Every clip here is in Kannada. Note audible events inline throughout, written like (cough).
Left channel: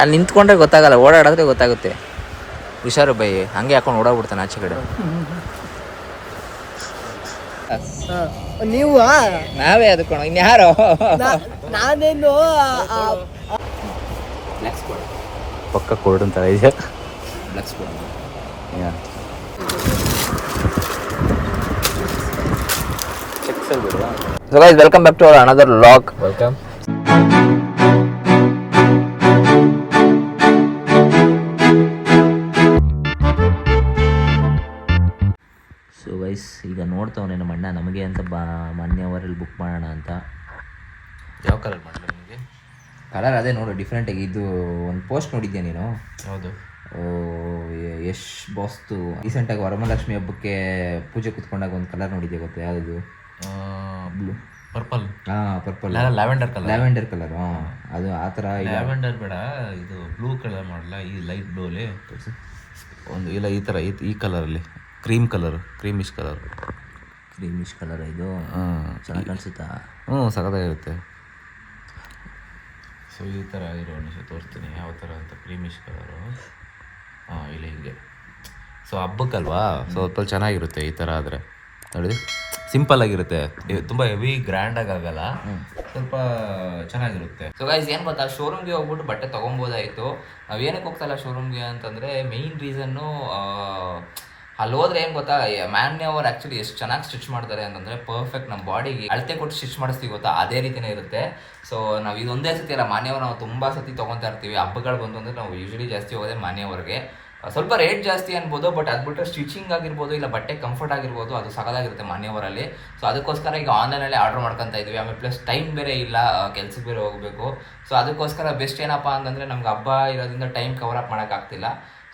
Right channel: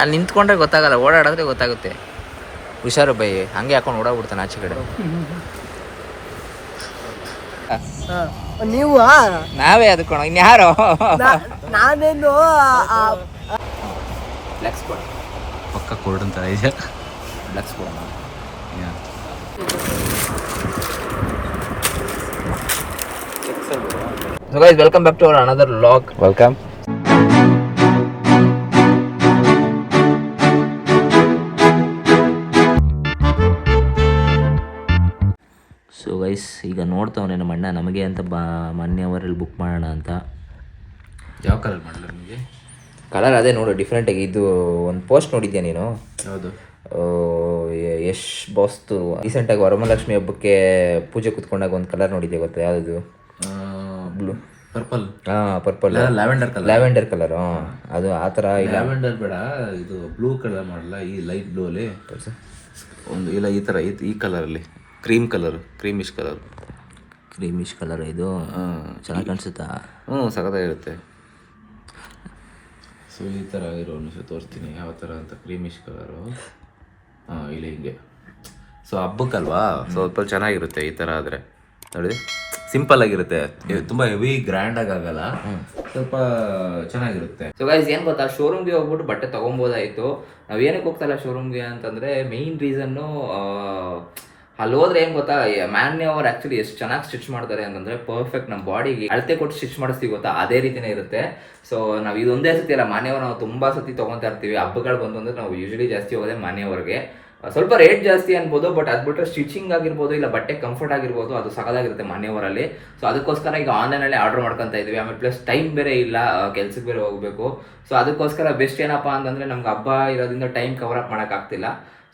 ಅಲ್ಲಿ ನಿಂತ್ಕೊಂಡ್ರೆ ಗೊತ್ತಾಗಲ್ಲ ಓಡಾಡಿದ್ರೆ ಗೊತ್ತಾಗುತ್ತೆ. ಹುಷಾರು ಬೈ ಹಂಗೆ ಹಾಕೊಂಡು ಓಡಾಡ್ಬಿಡ್ತಾನೆ ಆಚೆ ಕಡೆ. ನೀವು ನಾವೇ ಅದಕ್ಕೋಣ ಇನ್ಯಾರೋ ನಾನೇನು ಪಕ್ಕ ಕೋಲ್ಡ್ ಅಂತ ಇದೆ. So guys welcome back to our another vlog welcome ಈಗ ನೋಡ್ತಾವನೆ ನಮ್ಮ ಅಣ್ಣ ನಮಗೆ ಅಂತ ಬಾ ಮೊನ್ನೆ ಅವರಲ್ಲಿ ಬುಕ್ ಮಾಡೋಣ ಅಂತ. ಯಾವ ಕಲರ್ ಮಾಡಲಿ ನಿಮಗೆ? ಕಲರ್ ಅದೇ ನೋಡು ಡಿಫ್ರೆಂಟಾಗಿ ಇದು ಒಂದು ಪೋಸ್ಟ್ ನೋಡಿದ್ಯಾ ನೀನು? ಹೌದು. ಯಶ್ ಬಾಸ್ತು ರೀಸೆಂಟಾಗಿ ವರಮಹಾಲಕ್ಷ್ಮಿ ಹಬ್ಬಕ್ಕೆ ಪೂಜೆ ಕುತ್ಕೊಂಡಾಗ ಒಂದು ಕಲರ್ ನೋಡಿದ್ದೆ ಗೊತ್ತಾ? ಯಾವುದು ಬ್ಲೂ ಪರ್ಪಲ್ ಹಾಂ purple lavender colour lavender colour ಅದು ಆ ಥರ ಲ್ಯಾವೆಂಡರ್ ಬೇಡ ಇದು ಬ್ಲೂ ಕಲರ್ ಮಾಡಲ್ಲ ಈ ಲೈಟ್ ಬ್ಲೂ ಅಲ್ಲಿ? ಒಂದು ಇಲ್ಲ ಈ ಥರ ಈ ಕಲರಲ್ಲಿ cream colour creamish colour. Creamish colour ಇದು. ಚೆನ್ನಾಗಿ ಕಾಣಿಸುತ್ತಾ? ಹ್ಞೂ ಸಖತ್ತಾಗಿರುತ್ತೆ ಸೊ ಈ ಥರ ಇರೋ ನಿಮಿಷ ತೋರಿಸ್ತೀನಿ. ಯಾವ ಥರ ಅಂತ. Creamish colour. ಹಾಂ ಇಲ್ಲಿ ಹಿಂಗೆ. ಸೊ ಹಬ್ಬಕ್ಕಲ್ವಾ? ಸ್ವಲ್ಪ ಚೆನ್ನಾಗಿರುತ್ತೆ ಈ ಥರ ಆದರೆ. ನೋಡಿ. ಸಿಂಪಲ್ ಆಗಿರುತ್ತೆ. ತುಂಬ ಹೆವಿ ಗ್ರ್ಯಾಂಡ್ ಆಗಲ್ಲ. ಸ್ವಲ್ಪ ಚೆನ್ನಾಗಿರುತ್ತೆ. ಸೊ ಗೈಸ್ ಏನು ಗೊತ್ತಾ? ಶೋರೂಮ್ಗೆ ಹೋಗ್ಬಿಟ್ಟು ಬಟ್ಟೆ ತೊಗೊಬೋದಾಯಿತು. ನಾವು ಏನಕ್ಕೆ ಹೋಗ್ತಲ್ಲ ಶೋರೂಮ್ಗೆ ಅಂತಂದರೆ ಮೇಯ್ನ್ ರೀಸನ್ನು ಅಲ್ಲಿ ಹೋದ್ರೆ ಏನು ಗೊತ್ತಾ? ಮ್ಯಾನ್ಯ ಅವ್ರು ಆ್ಯಕ್ಚುಲಿ ಎಷ್ಟು ಚೆನ್ನಾಗಿ ಸ್ಟಿಚ್ ಮಾಡ್ತಾರೆ ಅಂತಂದರೆ ಪರ್ಫೆಕ್ಟ್ ನಮ್ಮ ಬಾಡಿಗೆ ಅಳತೆ ಕೊಟ್ಟು ಸ್ಟಿಚ್ ಮಾಡಿಸ್ತೀವಿ ಗೊತ್ತಾ? ಅದೇ ರೀತಿನೇ ಇರುತ್ತೆ. ಸೊ ನಾವು ಇದೊಂದೇ ಸತಿ ಅಲ್ಲ ಮಾನ್ಯವ್ರು ನಾವು ತುಂಬ ಸತಿ ತೊಗೊತಾ ಇರ್ತೀವಿ. ಹಬ್ಬಗಳು ಬಂತು ಅಂದರೆ ನಾವು ಯೂಶಲಿ ಜಾಸ್ತಿ ಹೋಗೋದೇ ಮಾನ್ಯವರಿಗೆ ಸ್ವಲ್ಪ ರೇಟ್ ಜಾಸ್ತಿ ಅನ್ಬೋದು ಬಟ್ ಅದು ಬಿಟ್ಟರೆ ಸ್ಟಿಚಿಂಗ್ ಆಗಿರ್ಬೋದು, ಇಲ್ಲ ಬಟ್ಟೆ ಕಂಫರ್ಟ್ ಆಗಿರ್ಬೋದು, ಅದು ಸಕಲಾಗಿರುತ್ತೆ ಮಾನ್ಯವರಲ್ಲಿ ಸೊ ಅದಕ್ಕೋಸ್ಕರ ಈಗ ಆನ್ಲೈನಲ್ಲಿ ಆರ್ಡರ್ ಮಾಡ್ಕೊತಾ ಇದ್ದೀವಿ ಆಮೇಲೆ ಪ್ಲಸ್ ಟೈಮ್ ಬೇರೆ ಇಲ್ಲ ಕೆಲ್ಸಕ್ಕೆ ಬೇರೆ ಹೋಗಬೇಕು. ಸೊ ಅದಕ್ಕೋಸ್ಕರ ಬೆಸ್ಟ್ ಏನಪ್ಪ ಅಂತಂದರೆ ನಮ್ಗೆ ಹಬ್ಬ ಇರೋದ್ರಿಂದ ಟೈಮ್ ಕವರ್ ಅಪ್ ಮಾಡೋಕ್ಕಾಗ್ತಿಲ್ಲ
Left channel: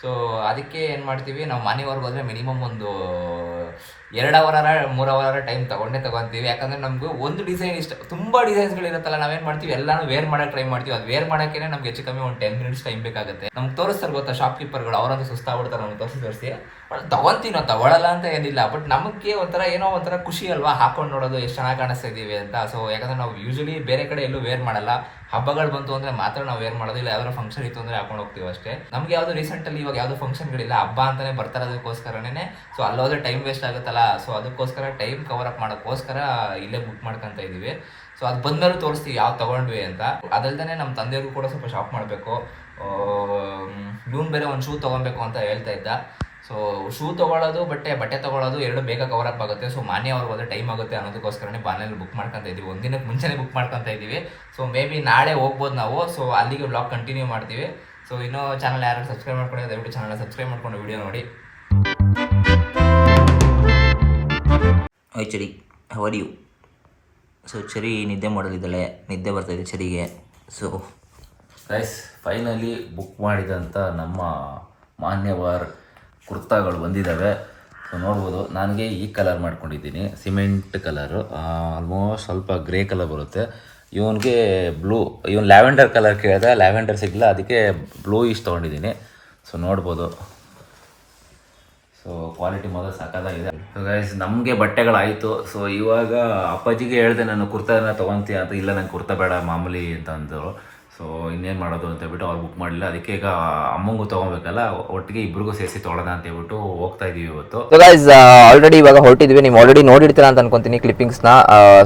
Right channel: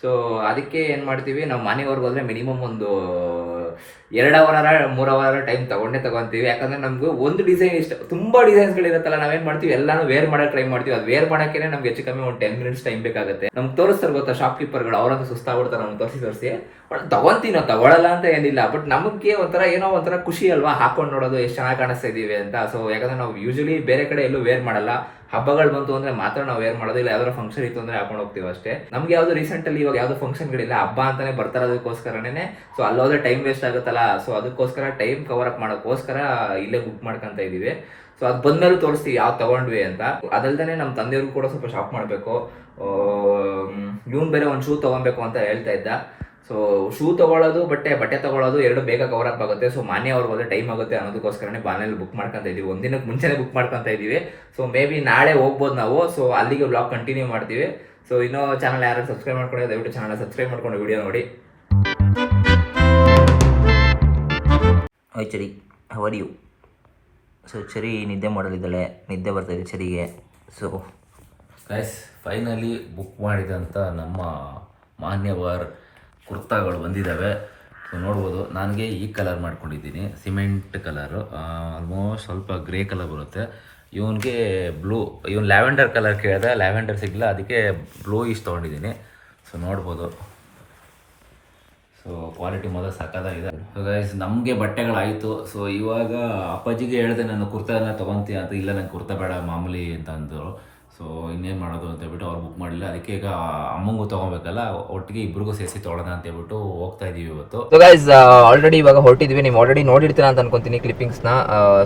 ಸೊ ಅದಕ್ಕೆ ಏನು ಮಾಡ್ತೀವಿ, ನಾವು ಮನೆಯವ್ರಿಗೆ ಹೋದರೆ ಮಿನಿಮಮ್ ಒಂದು ಎರಡು ಅವರ, ಮೂರು ಅವರ ಟೈಮ್ ತಗೊಂಡೇ ತಗೊಂತೀವಿ. ಯಾಕಂದರೆ ನಮ್ಗೆ ಒಂದು ಡಿಸೈನ್ ಇಷ್ಟ, ತುಂಬ ಡಿಸೈನ್ಸ್ಗಳಿರುತ್ತಲ್ಲ ನಾವೇನು ಮಾಡ್ತೀವಿ, ಎಲ್ಲಾನು ವೇರ್ ಮಾಡೋಕೆ ಟ್ರೈ ಮಾಡ್ತೀವಿ. ಅದು ವೇರ್ ಮಾಡೋಕ್ಕೆ ನಮ್ಗೆ ಹೆಚ್ಚು ಕಮ್ಮಿ ಒಂದು ಟೆನ್ ಮಿನಿಟ್ಸ್ ಟೈಮ್ ಬೇಕಾಗುತ್ತೆ. ನಮ್ಗೆ ತೋರಿಸ್ತಾರೆ ಗೊತ್ತಾ ಶಾಪ್ಕೀಪರ್ಗಳು ಅವರಂತೂ ಸುಸ್ತಾಗ್ಬಿಡ್ತಾರೆ ನಮ್ಗೆ ತೋರಿಸಿ ತೋರಿಸಿ. ಬಟ್ ತಗೊಂತೀವಿ ನಾವು ಅಂತ ಏನಿಲ್ಲ ಬಟ್ ನಮಗೆ ಒಂಥರ ಏನೋ ಒಂಥರ ಖುಷಿ ಅಲ್ವಾ? ಹಾಕೊಂಡು ನೋಡೋದು, ಎಷ್ಟು ಚೆನ್ನಾಗಿ ಕಾಣಿಸ್ತಾ ಇದ್ದೀವಿ ಅಂತ. ಸೊ ಯಾಕಂದ್ರೆ ನಾವು ಯೂಶಲಿ ಬೇರೆ ಕಡೆ ಎಲ್ಲೂ ವೇರ್ ಮಾಡಲ್ಲ. ಹಬ್ಬಗಳು ಬಂತು ಅಂದ್ರೆ ಮಾತ್ರ ನಾವು ವೇರ್ ಮಾಡೋದಿಲ್ಲ ಯಾವ್ದಾದ್ರು ಫಂಕ್ಷನ್ ಇತ್ತು ಅಂದ್ರೆ ಹಾಕೊಂಡು ಹೋಗ್ತೀವಿ ಅಷ್ಟೇ. ನಮ್ಗೆ ಯಾವ್ದು ರೀಸೆಂಟ್ ಅಲ್ಲಿ ಇವಾಗ ಯಾವ್ದು ಫಂಕ್ಷನ್ಗಳಿಲ್ಲ ಹಬ್ಬ ಅಂತಾನೆ ಬರ್ತಾರೋದಕ್ಕೋಸ್ಕರನೇ ಸೊ ಅಲ್ಲೋದ್ರೆ ಟೈಮ್ ವೇಸ್ಟ್ ಆಗುತ್ತಲ್ಲ. ಸೊ ಅದಕ್ಕೋಸ್ಕರ ಟೈಮ್ ಕವರ್ ಅಪ್ ಮಾಡೋಕ್ಕೋಸ್ಕರ ಇಲ್ಲೇ ಬುಕ್ ಮಾಡ್ಕೊಂತ ಇದೀವಿ. ಸೊ ಅದು ಬಂದ್ಮೇಲೂ ತೋರಿಸ್ತೀವಿ ಯಾವ್ದು ತಗೊಂಡ್ವಿ ಅಂತ. ಅದಲ್ದೇ ನಮ್ಮ ತಂದೆಯವ್ರಿಗೂ ಕೂಡ ಸ್ವಲ್ಪ ಶಾಪ್ ಮಾಡಬೇಕು. ಇವ್ನು ಬೇರೆ ಒಂದು ಶೂ ತೊಗೊಬೇಕು ಅಂತ ಹೇಳ್ತಾ ಇದ್ದ. ಸೊ ಶೂ ತಗೊಳ್ಳೋದು ಬಟ್ಟೆ ಬಟ್ಟೆ ತಗೊಳ್ಳೋದು ಎರಡು ಬೇಗ ಕವರ್ ಅಪ್ ಆಗುತ್ತೆ. ಸೊ ಮಾನ್ಯ ಅವ್ರಿಗೆ ಹೋದ್ರೆ ಟೈಮ್ ಆಗುತ್ತೆ ಅನ್ನೋದಕ್ಕೋಸ್ಕರನೇ ಬಾನಲ್ಲಿ ಬುಕ್ ಮಾಡ್ಕೊಂತ ಇದೀವಿ ಒಂದಿನಕ್ಕೆ ಮುಂಚೆನೇ ಬುಕ್ ಮಾಡ್ಕೊಂತ ಇದ್ದೀವಿ. ಸೊ ಮೇ ಬಿ ನಾಳೆ ಹೋಗ್ಬೋದು ನಾವು. ಸೊ ಅಲ್ಲಿಗೆ ಬ್ಲಾಗ್ ಕಂಟಿನ್ಯೂ ಮಾಡ್ತೀವಿ. ಸೊ ಇನ್ನೂ ಚಾನಲ್ ಯಾರು ಸಬ್ಸ್ಕ್ರೈಬ್ ಮಾಡ್ಕೊಂಡು ದಯವಿಟ್ಟು ಚಾನಲ್ ಸಬ್ಸ್ಕ್ರೈಬ್ ಮಾಡ್ಕೊಂಡು ವಿಡಿಯೋ ನೋಡಿ. Chari how are you so Chari ನಿದ್ದೆ ಮಾಡೋದಿದ್ದಾಳೆ ನಿದ್ದೆ ಬರ್ತಾಯಿದೆ ಚರಿಗೆ ಸೊ ಗೈಸ್ ಫೈನಲಿ ಬುಕ್ ಮಾಡಿದಂಥ ನಮ್ಮ ಮಾನ್ಯವರ್ ಕುರ್ತಾಗಳು ಬಂದಿದ್ದಾವೆ. ನೋಡ್ಬೋದು, ನನಗೆ ಈ ಕಲರ್ ಮಾಡ್ಕೊಂಡಿದ್ದೀನಿ ಸಿಮೆಂಟ್ ಕಲರು ಆಲ್ಮೋಸ್ಟ್ ಸ್ವಲ್ಪ ಗ್ರೇ ಕಲರ್ ಬರುತ್ತೆ. ಇವನಿಗೆ ಬ್ಲೂ ಇವನ್ ಲ್ಯಾವೆಂಡರ್ ಕಲರ್ ಕೇಳಿದೆ. ಲ್ಯಾವೆಂಡರ್ ಸಿಗಲ್ಲ ಅದಕ್ಕೆ ಬ್ಲೂ ಇಷ್ಟು ತೊಗೊಂಡಿದ್ದೀನಿ. ಸೊ ನೋಡ್ಬೋದು. ಸೊ ಕ್ವಾಲಿಟಿ ಮೊದಲು ಸಾಕಾಗಿದೆ ಗೈಸ್ ನಮಗೆ ಬಟ್ಟೆಗಳಾಯಿತು. ಸೊ ಇವಾಗ ಅಪ್ಪಾಜಿಗೆ ಹೇಳಿದೆ, ನಾನು ಕುರ್ತಾನ ತೊಗೊತೀಯ ಅಂತ. ಇಲ್ಲ, ನಂಗೆ ಕುರ್ತಾ ಬೇಡ ಮಾಮೂಲಿ ಅಂತ ಅಂದರು. ಸೊ ಇನ್ನೇನು ಮಾಡೋದು ಅಂತ ಹೇಳ್ಬಿಟ್ಟು ಅವ್ರು ಬುಕ್ ಮಾಡಲಿಲ್ಲ. ಅದಕ್ಕೆ ಈಗ ಅಮ್ಮಂಗೂ ತೊಗೊಬೇಕಲ್ಲ, ಒಟ್ಟಿಗೆ ಇಬ್ರಿಗೂ ಸೇರಿಸಿ ತೊಗೊಳೋಣ ಅಂತ ಹೇಳ್ಬಿಟ್ಟು ಹೋಗ್ತಾ ಇದೀವಿ ಇವತ್ತು. ಆಲ್ರೆಡಿ ಇವಾಗ ಹೊರಟಿದ್ವಿ. ನೀವು ಆಲ್ರೆಡಿ ನೋಡಿರ್ತೀರ ಅಂತ ಅನ್ಕೊಂತೀನಿ ಕ್ಲಿಪ್ಪಿಂಗ್ಸ್ನ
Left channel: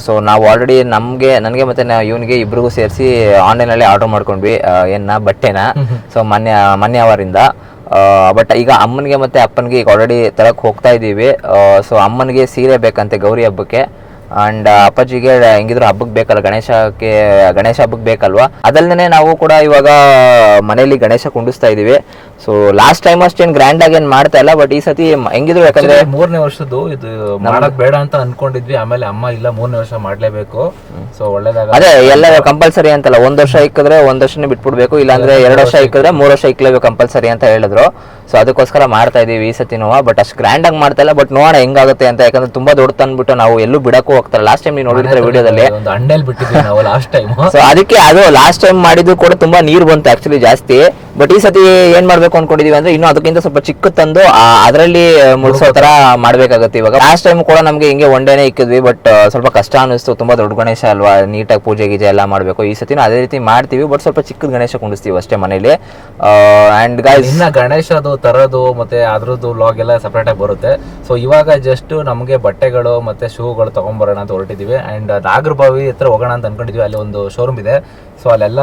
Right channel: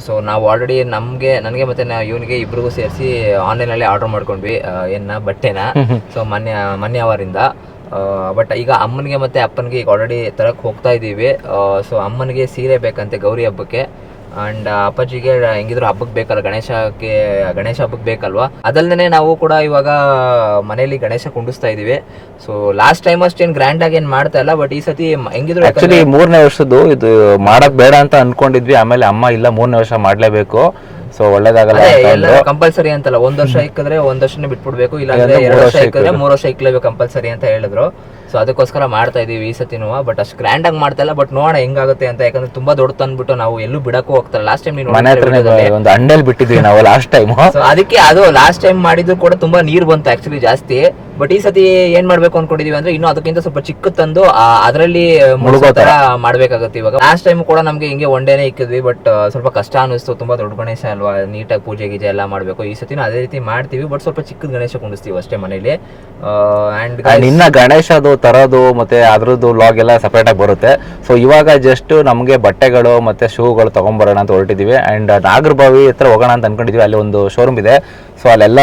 ಸೊ ನಾವು ಆಲ್ರೆಡಿ ನಮಗೆ, ನನಗೆ ಮತ್ತೆ ಇವನಿಗೆ ಇಬ್ರಿಗೂ ಸೇರಿಸಿ ಆನ್ಲೈನಲ್ಲಿ ಆರ್ಡರ್ ಮಾಡ್ಕೊಂಡ್ವಿ. ಏನ ಬಟ್ಟೆನ. ಸೊ ಮೊನ್ನೆ ಮೊನ್ನೆ ಅವರಿಂದ. ಬಟ್ ಈಗ ಅಮ್ಮನಿಗೆ ಮತ್ತೆ ಅಪ್ಪನಿಗೆ ಈಗ ಆಲ್ರೆಡಿ ತರಕ್ಕೆ ಹೋಗ್ತಾ ಇದ್ದೀವಿ ಸೊ ಅಮ್ಮನಿಗೆ ಸೀರೆ ಬೇಕಂತೆ ಗೌರಿ ಹಬ್ಬಕ್ಕೆ. ಅಂಡ್ ಅಪ್ಪಾಜಿಗೆ ಹೆಂಗಿದ್ರು ಹಬ್ಬಕ್ಕೆ ಬೇಕಲ್ಲ ಗಣೇಶಕ್ಕೆ ಗಣೇಶ ಹಬ್ಬಕ್ಕೆ ಬೇಕಲ್ವಾ? ಅದಲ್ದೇನೆ ನಾವು ಕೂಡ ಇವಾಗ ಮನೆಯಲ್ಲಿ ಗಣೇಶ ಕುಂಡಿಸ್ತಾ ಇದೀವಿ. ಸೊ ಲಾಸ್ಟ್ ಟೈಮ್ ಅಷ್ಟೇನು ಗ್ರ್ಯಾಂಡ್ ಆಗಿ ಏನ್ ಮಾಡ್ತಾ ಇಲ್ಲ ಬಟ್ ಈ ಸತಿ ಹೆಂಗಿದ್ರು ಮೂರನೇ ವರ್ಷದ್ದು ಇದು ಮಾಡಕ್ ಬೇಡ ಅಂತ ಅನ್ಕೊಂಡಿದ್ವಿ. ಆಮೇಲೆ ಅಮ್ಮ ಇಲ್ಲ, ಮೂರನೇ ವರ್ಷ ಮಾಡ್ಲೇಬೇಕು. ಸೊ ಒಳ್ಳೇದಾಗಲ್ಲ ಅದೇ ಎಲ್ಲ ಕಂಪಲ್ಸರಿ ಅಂತಲ್ಲ ಒಂದ್ ವರ್ಷ ಇಕ್ಕಿದ್ರೆ ಒಂದ್ ವರ್ಷನೇ ಬಿಟ್ಬಿಡ್ಬೇಕು ಇಲ್ಲಾಂದ್ರೆ ಎರಡ್ ವರ್ಷ ಇಕ್ಕಿದ್ರೆ ಮೂರ್ ವರ್ಷ ಇಕ್ಲೇಬೇಕು ಕಂಪಲ್ಸರಿ ಅಂತ ಹೇಳಿದ್ರು. ಸೊ ಅದಕ್ಕೋಸ್ಕರ ಮಾಡ್ತಾ ಇದೀವಿ ಈ ಸತಿ ಬಟ್ ಅಷ್ಟು ಗ್ರ್ಯಾಂಡ್ ಆಗಿ ಮಾಡ್ತಾ ಇಲ್ಲ ಬಟ್ ನೋಡೋಣ ಹೆಂಗಾಗುತ್ತೆ ಅಂತ ಯಾಕಂದ್ರೆ ತುಂಬಾ ದೊಡ್ಡ ತಂದ್ಬಿಟ್ಟು ನಾವು ಎಲ್ಲೂ ಬಿಡಕ್ಕೂ ಹೋಗ್ತಾರೆ ಲಾಸ್ಟ್ ಟೈಮ್ ನೀವು ವಿಡಿಯೋದಲ್ಲಿ. ಒಂದು ಅಂಡಲ್ ಬಿಟ್ಟಿದ್ವಿ ನಾವು ಲಾಸ್ಟ್ ಟೈಮ್ ಸೊ ಅದಕ್ಕೆ ಅದು ಲಾಸ್ಟ್ ಟೈಮ್ ಮಾಡಿದ್ರು ಕೂಡ ತುಂಬಾ ನೀರು ಬಂತು ಆಕ್ಚುಲಿ ಜಾಸ್ತಿ. ಬಟ್ ಈ ಸತಿ ಏನ್ ಮಾಡ್ಬೇಕು ಅನ್ಕೊಂಡಿದೀವಿ ಅಂದ್ರೆ ಇನ್ನು ಅದಕ್ಕಿಂತ ಸ್ವಲ್ಪ ಚಿಕ್ಕ ತಂದು ಅದರಲ್ಲಿ ಮುಳುಗೋ ತರ ಮಾಡ್ಬೇಕಾಗತ್ತೆ ಇವಾಗ. ಲಾಸ್ಟ್ ಟೈಮ್ ಕೂಡ ನಮ್ಗೆ ಹಿಂಗೆ ಒನ್ ಡೇನೆ ಇಕ್ಕಿದ್ವಿ ಬಟ್ ಸ್ವಲ್ಪ ಕಷ್ಟ ಅನಿಸ್ತು ತುಂಬಾ ದೊಡ್ಡ ಗಣೇಶ ಅಲ್ವಾ? ನೀಟಾಗಿ ಪೂಜೆ ಗೀಜೆ ಎಲ್ಲ ಮಾಡಬೇಕು. ಈ ಸತಿನೂ ಅದೇ ರೀತಿ ಮಾಡ್ತೀವಿ ಬಟ್ ಸ್ವಲ್ಪ ಚಿಕ್ಕದ ಗಣೇಶ ಕುಂಡಿಸ್ತೀವಿ ಅಷ್ಟೇ ಮನೇಲಿ. ಆ್ಯಂಡ್ ಇನ್ನು ಗಣೇಶದು, ತರೋದು, ಮತ್ತೆ ಅದರದ್ದು ಲಾಗ್ ಎಲ್ಲ ಸಪ್ರೇಟಾಗಿ ಬರುತ್ತೆ. ಸೊ ಇವಾಗ ಜಸ್ಟ್ ನಮಗೆ ಬಟ್ಟೆಗಳು ಮತ್ತೆ ಶೂಗಳು ತೊಗೊಂಬರೋಣ ಅಂತ ಹೊರಟಿದ್ದೀವಿ ಆ್ಯಂಡ್ ನಾಗರಬಾವಿ ಹತ್ರ ಹೋಗೋಣ ಅಂತ ಅನ್ಕೊಂಡಿದ್ದೀವಿ ಅಲ್ಲಿ ಒಂದು ಶೋರೂಮ್ ಇದೆ. ಸೊ ಅಲ್ಲೆಲ್ಲ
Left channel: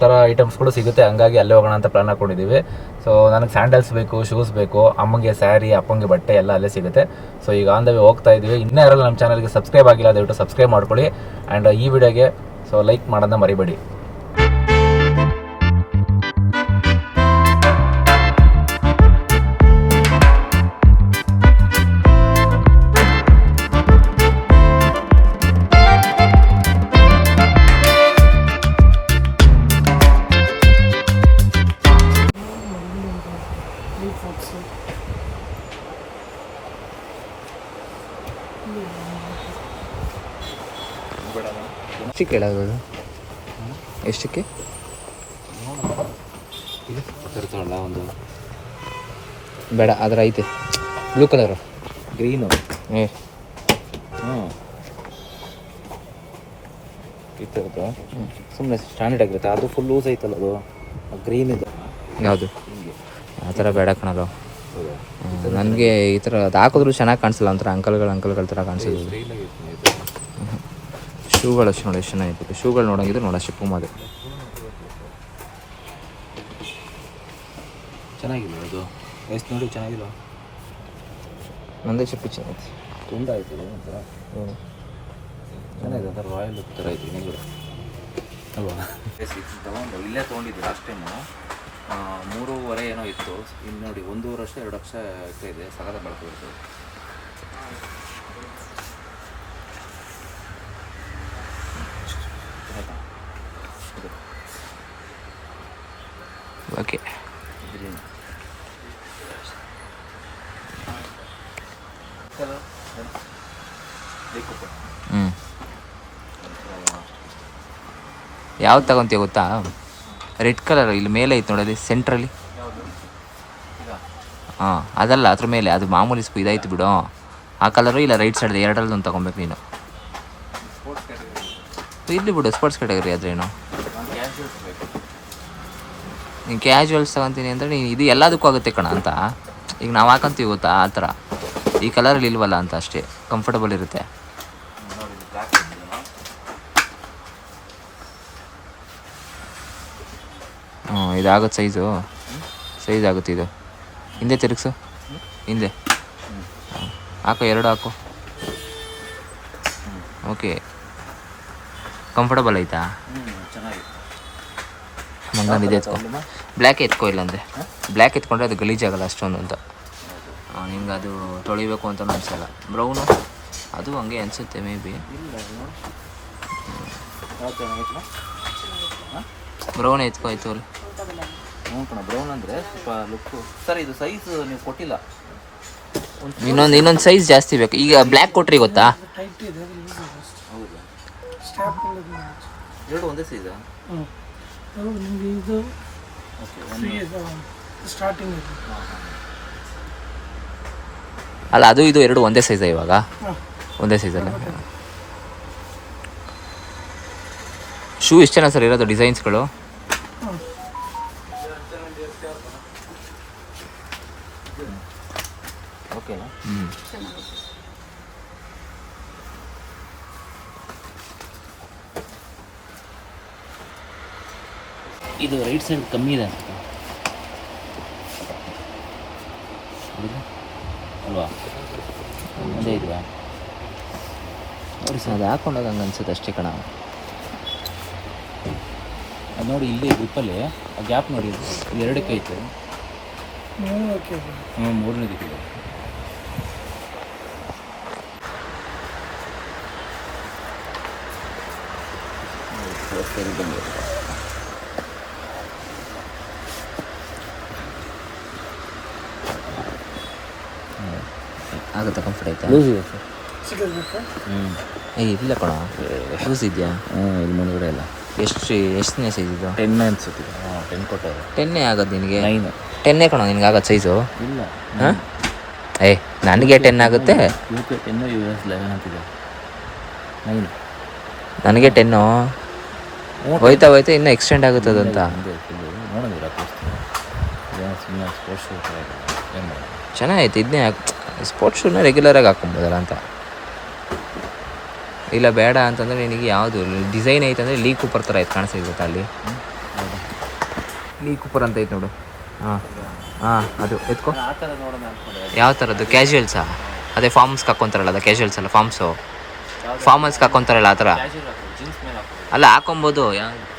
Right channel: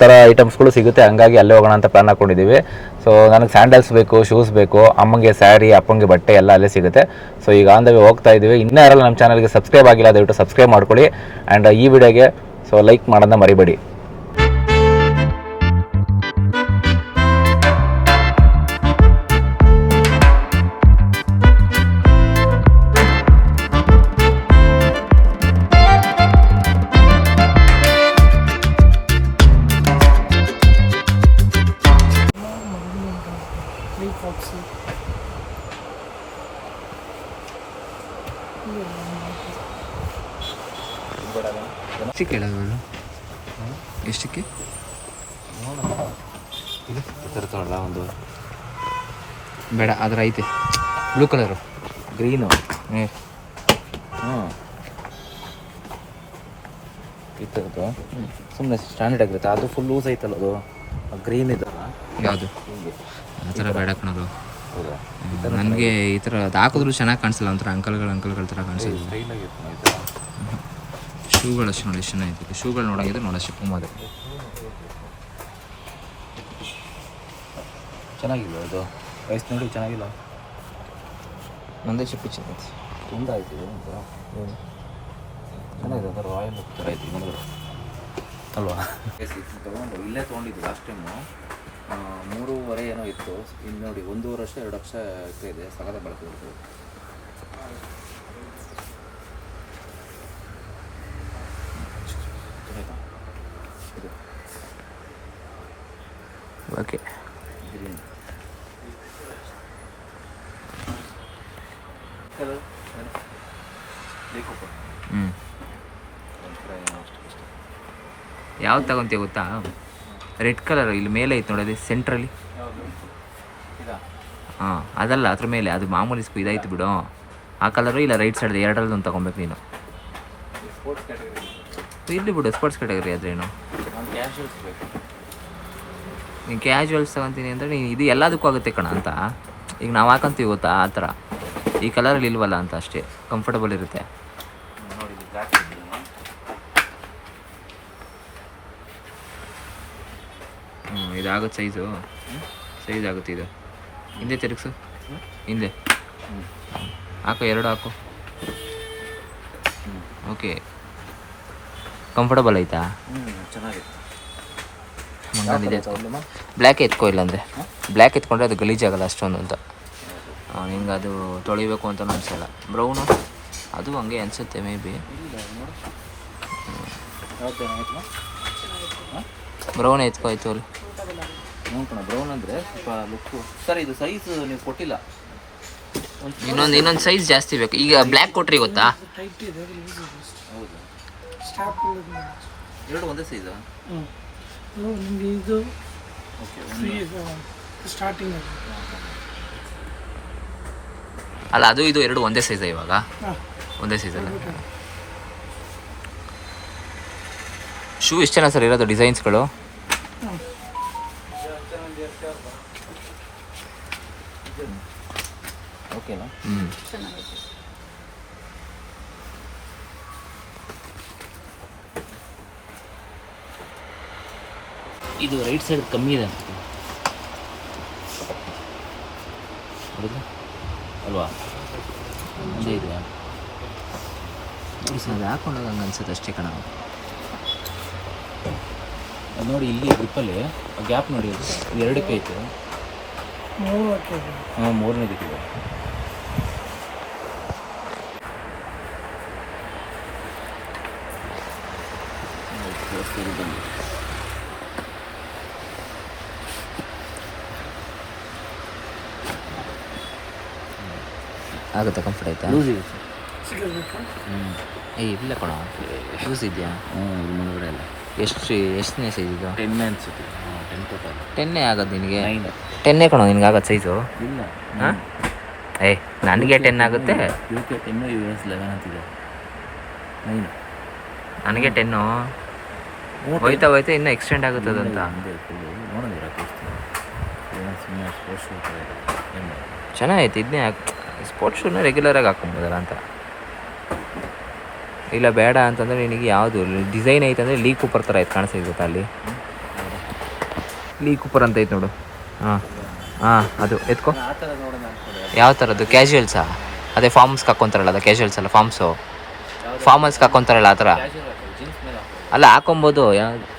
ಥರ ಐಟಮ್ಸ್ಗಳು ಸಿಗುತ್ತೆ. ಹಂಗಾಗಿ ಅಲ್ಲೇ ಹೋಗೋಣ ಅಂತ ಪ್ಲಾನ್ ಹಾಕೊಂಡಿದ್ದೀವಿ ಸೊ ನನಗೆ ಸ್ಯಾಂಡಲ್ಸ್ ಬೇಕು ಶೂಸ್ ಬೇಕು, ಅಮ್ಮಂಗೆ ಸ್ಯಾರಿ ಅಪ್ಪಂಗೆ ಬಟ್ಟೆ ಎಲ್ಲ ಅಲ್ಲೇ ಸಿಗುತ್ತೆ. ಸೊ ಈಗ ಆನ್ ದ ವೇ ಹೋಗ್ತಾ ಇದ್ದೀವಿ ಇನ್ನೂ ಯಾರಲ್ಲ ನಮ್ಮ ಚಾನಲ್ಗೆ ಸಬ್ಸ್ಕ್ರೈಬ್ ಆಗಿಲ್ಲ, ದಯವಿಟ್ಟು ಸಬ್ಸ್ಕ್ರೈಬ್ ಮಾಡ್ಕೊಳ್ಳಿ. ಆ್ಯಂಡ್ ಈ ವಿಡಿಯೋಗೆ ಸೊ ಲೈಕ್ ಮಾಡೋದನ್ನ ಮರಿಬೇಡಿ. ಹೇಳೋದು ಎಷ್ಟಕ್ಕೆ? ಒಂದು. ಬೇಡ ಅದ್ರ ಐತೆ. ಬ್ಲೂ ಕಲರು ಗ್ರೀನು ಹ್ಞೂ ಇತ್ತು ಸುಮ್ಮನೆ ಸ್ಟ್ಯಾಂಡರ್ಡ್ ಆಗಿರುತ್ತೆ. ಅದು ಫುಲ್ ಲೂಸ್ ಐತಲ್ಲ ಅದು. ಗ್ರೀನ್ ಇದು. ಯಾವುದು? ಆ ಥರ ಬೇಡ ಕಣಲ್ಲ. ನನಗೆ ಈ ಥರ ಅದು ಹಾಕಿದ್ರು ಚೆನ್ನಾಗಿ ಕಾಣಿಸಲ್ಲ ಒಂಥರ ಅಂಕಲ್ಗಳು ಅಂಕಲ್ಗಳ ಥರ ಕಾಣಿಸಿದ್ರು ಶೂಗಳು ಅಷ್ಟು ನೋಡಿ ಎಷ್ಟು ಚೆನ್ನಾಗಿತ್ತು ಶೂಗಳು ನೋಡಂಗಿದ್ರೆ ನೋಡ ಶಿಪ್ಪು ಮಾಡಿದೆ ಚೆನ್ನಾಗಿಲ್ಲ ಅದು ವಯಸ್ಸು ನೋಡಿ ಚೆನ್ನಾಗಿಲ್ಲ ಒಂದೇ ಚಿಪ್ಪು ಚೆನ್ನಾಗಿ ತುಂಬ ಆಯಿತು ಒಂಥರ. ಚೆನ್ನಾಗಿದೆ ಒಂಥರ ರಾಯಲ್ ಥರ ಆಯಿತು ನೀವು ಅಲ್ವಾ? ತೊಗೊಂಡು ಇಲ್ಲೇ ತೊಗೊಂಡಿದ್ದು ಲಾಸ್ಟ್ ಟೈಮು ಮೂರುವರೆ ಏನೋ ಇತ್ತು. ಇಲ್ಲಿ ನೋಡಿ ಒಂದೂವರೆ ವರ್ಷ ಎರಡು ವರ್ಷ ಇದೆ. ಸಗದ ಬಳಕೆ ಇರ್ತದೆ ಇದು ಓಕೆ ಗ್ರೀನ್ ಹಲೋ ಬೇಕು ಹ್ಞೂ ಯಾವ್ದು ತಗೊಂತೀಯ ಗೊತ್ತಾ? ರೆಡ್ ಕಲರ್ ಇಲ್ಲಿ ಮೇಲೆ ಐತೆ ನೋಡಲ್ಲಿ ಸೆಂಟ್ರಲ್ಲಿ ಹಾಂ ಅದಲ್ಲ ಅದ್ರ ಮೇಲೆ ಅದು ಮಾಮೂಲಿ ಸ್ಪೂ ಇದಾಯ್ತು ಬಿಡು. ಆ ಕಲರು ಇಲ್ಲ ರೈಟ್ ಸೈಡ್ ಎರಡರಲ್ಲಿ ತಗೊಬೇಕು ತೊಗೊಬೇಕು ನೀನು. ಇಲ್ಲಿ ಬಿಡು ಸ್ಪೋರ್ಟ್ಸ್ ಕ್ಯಾಟಗರಿ ಆದ್ರೆ ಏನು? ಕ್ಯಾಶುವಲ್ಸ್ ಬೇಕು. ನೀನು ಕ್ಯಾಶುವಲ್ಸ್ ತಗೊಂತೀನಿ ಅಂದರೆ ನೀನು ಇದು ಎಲ್ಲದಕ್ಕೂ ಆಗುತ್ತೆ ಕಣ ಅಂತ. ಈಗ ನಾವು ಹಾಕೊಂತೀವಿ ಗೊತ್ತಾ ಆ ಥರ. ಈ ಕಲರಲ್ಲಿ ಇಲ್ವಲ್ಲ ಅಂತ ಅಷ್ಟೇ ಕಂಫರ್ಟಬಲ್ ಇರುತ್ತೆ. ಹ್ಞೂ ಇದಾಗುತ್ತೆ ಸೈಜು ಸೈಜ್ ಆಗುತ್ತೆ ಇದು. ಹಿಂದೆ ತಿರುಗಿಸು. ಹಿಂದೆ. ಹಾಕು, ಎರಡು ಹಾಕು. ಓಕೆ ಕಂಫರ್ಟಬಲ್ ಆಯ್ತಾ? ಎತ್ಕೊ. ಬ್ಲ್ಯಾಕ್ ಎತ್ಕೋ ಇಲ್ಲಾಂದರೆ. ಬ್ಲ್ಯಾಕ್ ಎತ್ಕೊಂಡ್ರೆ ಅದು ಗಲೀಜಾಗಲ್ಲ ಅಷ್ಟೊಂದು ಅಂತ. ನಿಂಗೆ ಅದು ತೊಳಿಬೇಕು ಅಂತ ಅನ್ಸಲ್ಲ. ಬ್ರೌನು ಅದು ಹಂಗೆ ಅನಿಸುತ್ತೆ ಮೇ ಬಿ ಬ್ರೌನ್ ಎತ್ಕೋಯ್ತು ಅಲ್ಲಿ ಹ್ಞೂ ಕಣ ಬ್ರೌನ್ ಅಂದರೆ ಸ್ವಲ್ಪ ಲುಕ್ಕು ಸರ್ ಇದು ಸೈಜ್ ನೀವು ಕೊಟ್ಟಿಲ್ಲ. ಇನ್ನೊಂದು ಇನ್ನೊಂದು ಸೈಜ್ ಜಾಸ್ತಿ ಬೇಕು. ಈಗ ಬ್ಲ್ಯಾಕ್ ಕೊಟ್ರಿ ಗೊತ್ತಾ? ಹೌದು ಎರಡು ಒಂದೇ ಸೈಜಾ ನಿಮಗೆ ಇದು ಸ್ಟಾರ್ಟಿಂಗ್ ಅಲ್ಲ, ಅದು ಇದು ಎರಡು ಒಂದೇ ಸೈಜ ಇವಾಗ? ಒಂದೇ ಸೈಜ್ ಅಲ್ಲ. ಶೂ ಎಷ್ಟು ಜನ ಸರ್ ಇರೋದು ಡಿಸೈನ್ಸ್ಗಳು ಹ್ಞೂ ಇದು ರೈಟ್ ಸೈಡ್ ಕಮ್ಮಿ ಇದೆ ಅನ್ಸುತ್ತೆ ಹೌದಾ? ಅಲ್ವಾ ಒಂದೇ ಇದೆಯಾ ನೋಡಿ ಸರ್, ಅದು ಹಾಕೊಂಡಾಗ ಹಂಗೆ ಅಷ್ಟೇ ಕಣ. ನೋಡಿ ಇಲ್ಲಿ ಗ್ರಿಪ್ಪಲ್ಲಿ ಆ ಗ್ಯಾಪ್ ನೋಡಿ ಅದು. ಎರಡಕ್ಕೆ ಐತೆ. ಹ್ಞೂ ಹಾಕಿದೆ ಹಾಂ ಮೂರನೇ ದಿಕ್ಕಿದೆ ಸರಿ ಬಂದು. ಆಗುತ್ತಾ ಕಂಫರ್ಟ್ ಆಯ್ತಾ? ಲೂಸ್ ಇದೆ ಸರ್. ಹ್ಞೂ ಏ ಇಲ್ಲ ಕಣ. ಯೂಸ್ ಇದೆಯಾ? ಹ್ಞೂ ಇಲ್ಲಿ ಮುಂದ್ಗಡೆ ಇಲ್ಲ. ಎಷ್ಟು ಎಷ್ಟನೇ ಸೈಜ್ ಇದು? ಟೆನ್ ಅನ್ಸುತ್ತೆ. ಹಾಂ ಟೆನ್ ಕೊಟ್ಟೆ ಟೆನ್ನೇ ಆಗೋದು ನಿನಗೆ? ನೈನ್ ಟೆನ್ನೇ ಕಣೋ ನಿನಗೆ ಆಗೋದು ಸೈಜು ಇಲ್ಲ. ಹಾಂ? ಏ ನನಗೆ ಟೆನ್ ಆಗುತ್ತೆ? U K ten U S eleven ಅಂತಿದೆ ನೈನ್ ನನಗೆ ಟೆನ್ನು ಹೋಯ್ತಾ ಹೋಯ್ತಾ ಇನ್ನೂ ಎಕ್ಸ್ಟೆಂಡ್ ಆಗುತ್ತೆ ಅದಂತ? ಸುಮ್ಮನೆ ಸ್ಪೋರ್ಟ್ಸ್ ಏನು ಚೆನ್ನಾಗೈತೆ ಇದನ್ನೇ ಸ್ಪೋರ್ಟ್ಸ್ ಶೂನ ರೆಗ್ಯುಲರಾಗಿ ಹಾಕೊಬೋದಲ್ಲ ಅಂತ. ಇಲ್ಲ, ಬೇಡ ಅಂತಂದರೆ ನಿನಗೆ ಯಾವುದು ಡಿಸೈನ್ ಐತೆ ಅಂದರೆ ಲೀ ಕೂಪರ್ ಥರ ಐತೆ ಕಾಣಿಸ್ತೈತೆ ಗೊತ್ತಾ ಅಲ್ಲಿ? ಲೀ ಕೂಪರ್ ಅಂತ ಐತೆ ನೋಡು. ಹಾಂ ಹಾಂ, ಅದು ಎತ್ಕೊ. ಯಾವ ಥರದ್ದು ಕ್ಯಾಶುಯಲ್ಸಾ ಅದೇ ಫಾರ್ಮ್ಸ್ಗೆ ಹಾಕ್ಕೊಂತಾರಲ್ಲ ಅದು ಕ್ಯಾಶುಯಲ್ಸ್ ಅಲ್ಲ ಫಾರ್ಮ್ಸು ಫಾರ್ಮಲ್ಸ್ಗೆ ಹಾಕ್ಕೊಂತಾರಲ್ಲ ಆ ಥರ ಅಲ್ಲ, ಹಾಕೊಬೋದು. ಯಾ-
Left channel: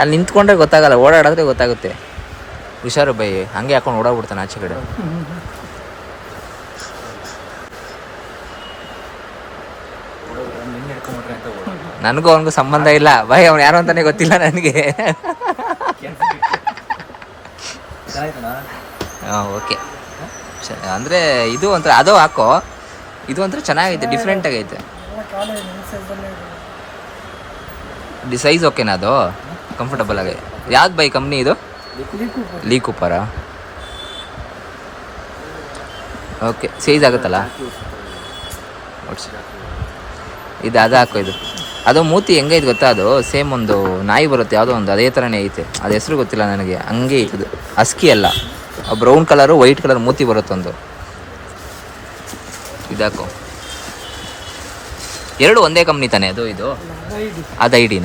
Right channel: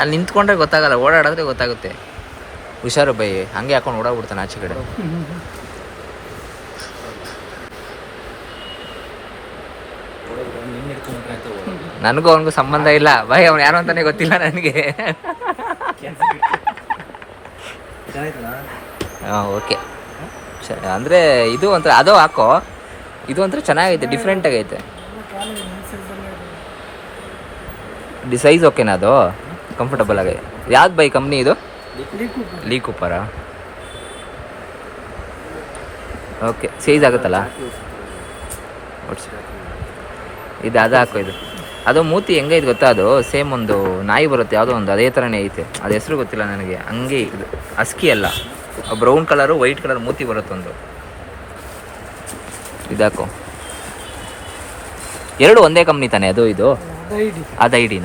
ಅಲ್ಲಿ ನಿಂತ್ಕೊಂಡ್ರೆ ಗೊತ್ತಾಗಲ್ಲ ಓಡಾಡಿದ್ರೆ ಗೊತ್ತಾಗುತ್ತೆ. ಹುಷಾರು ಬೈ ಹಂಗೆ ಹಾಕೊಂಡು ಓಡಾಡ್ಬಿಡ್ತಾನೆ ಆಚೆ ಕಡೆ. ನನಗೂ ಅವನಿಗೂ ಸಂಬಂಧ ಇಲ್ಲ. ಬೈ ಅವ್ನು ಯಾರು ಅಂತಾನೆ ಗೊತ್ತಿಲ್ಲ ನನಗೆ. ಹಾಂ ಓಕೆ. ಅಂದರೆ ಇದು ಒಂಥರ ಅದು ಹಾಕೋ. ಇದು ಒಂಥರ ಚೆನ್ನಾಗೈತೆ ಡಿಫ್ರೆಂಟ್ ಆಗೈತೆ. ಎಲ್ಲ ಕಾಲ ನನ್ನ ಸೈಜಲ್ಲೇ ಇದೆ ಡಿ ಸೈಜ್ ಓಕೆನಾ ಅದು? ಕಂಫರ್ಟಬಲ್ ಆಗಿದೆ ಯಾವ್ದು ಬೈ ಕಂಪ್ನಿ ಇದು? ಲೀ ಕೂಪರ ಓಕೆ ಸೈಜ್ ಆಗುತ್ತಲ್ಲ. ಇದು ಅದು ಹಾಕೋ ಇದು. ಅದು ಮೂತಿ ಹೆಂಗೈತೆ ಗೊತ್ತಾ ಅದು? ಸೇಮ್ ಒಂದು ನಾಯಿ ಬರುತ್ತೆ, ಯಾವುದೋ ಒಂದು, ಅದೇ ಥರನೇ ಐತೆ. ಅದು ಹೆಸರು ಗೊತ್ತಿಲ್ಲ ನನಗೆ, ಹಂಗೆ ಐತೆ ಇದು. ಅಸ್ಕಿ ಅಲ್ಲ. ಬ್ರೌನ್ ಕಲರು ವೈಟ್ ಕಲರ್ ಮೂತಿ ಬರುತ್ತೆ ಒಂದು. ಇದಾಕೋ ಎರಡು ಒಂದೇ ಕಂಪ್ನಿ ತಾನೆ ಅದು ಇದು? ಅದು ಐಡಿ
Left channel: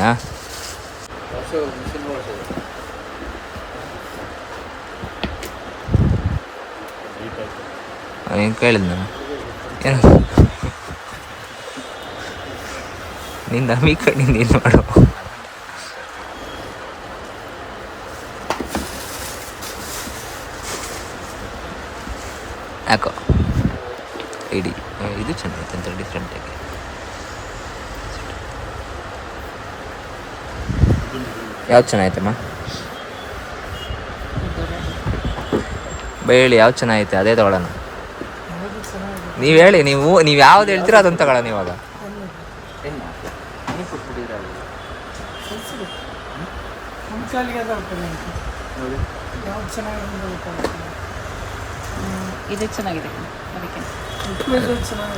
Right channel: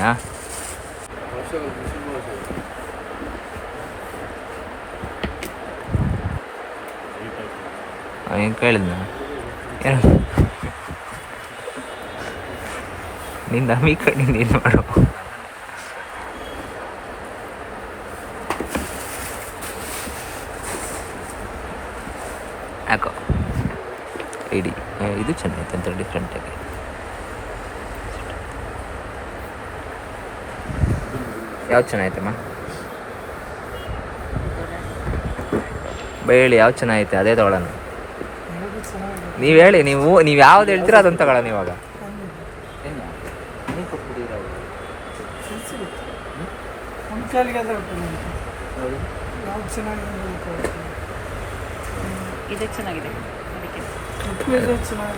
ಅದು ಐಡಿನಾ ಏನು ಕೇಳಿದ್ನ ಏನು ನಿನ್ನ ನಂಬಿಕೆ ನೀನು ಮಾಡು ಯಾಕೋ ಐಡಿ ಇದು ಚೆನ್ನಾಗಿತ್ತು ಅಂತ ಡಿಫ್ರೆಂಟಾಗಿ ಯಾವ್ದು ಚೆನ್ನಾಗೈತಮ್ಮ? ಬೈ ಹೇಳಿ ಯಾವ್ದು ಚೆನ್ನಾಗೈತೆ? ಅದೇ ತಗೊಳ್ಳೋಣ. ನೀವು ಹೇಳಿ ನೀವು ನೀವು ಯಾವ್ದು ಹೇಳ್ತೀರೋ ಅದನ್ನು ತಗೊಳ್ಳೋಣ ಇವಾಗ.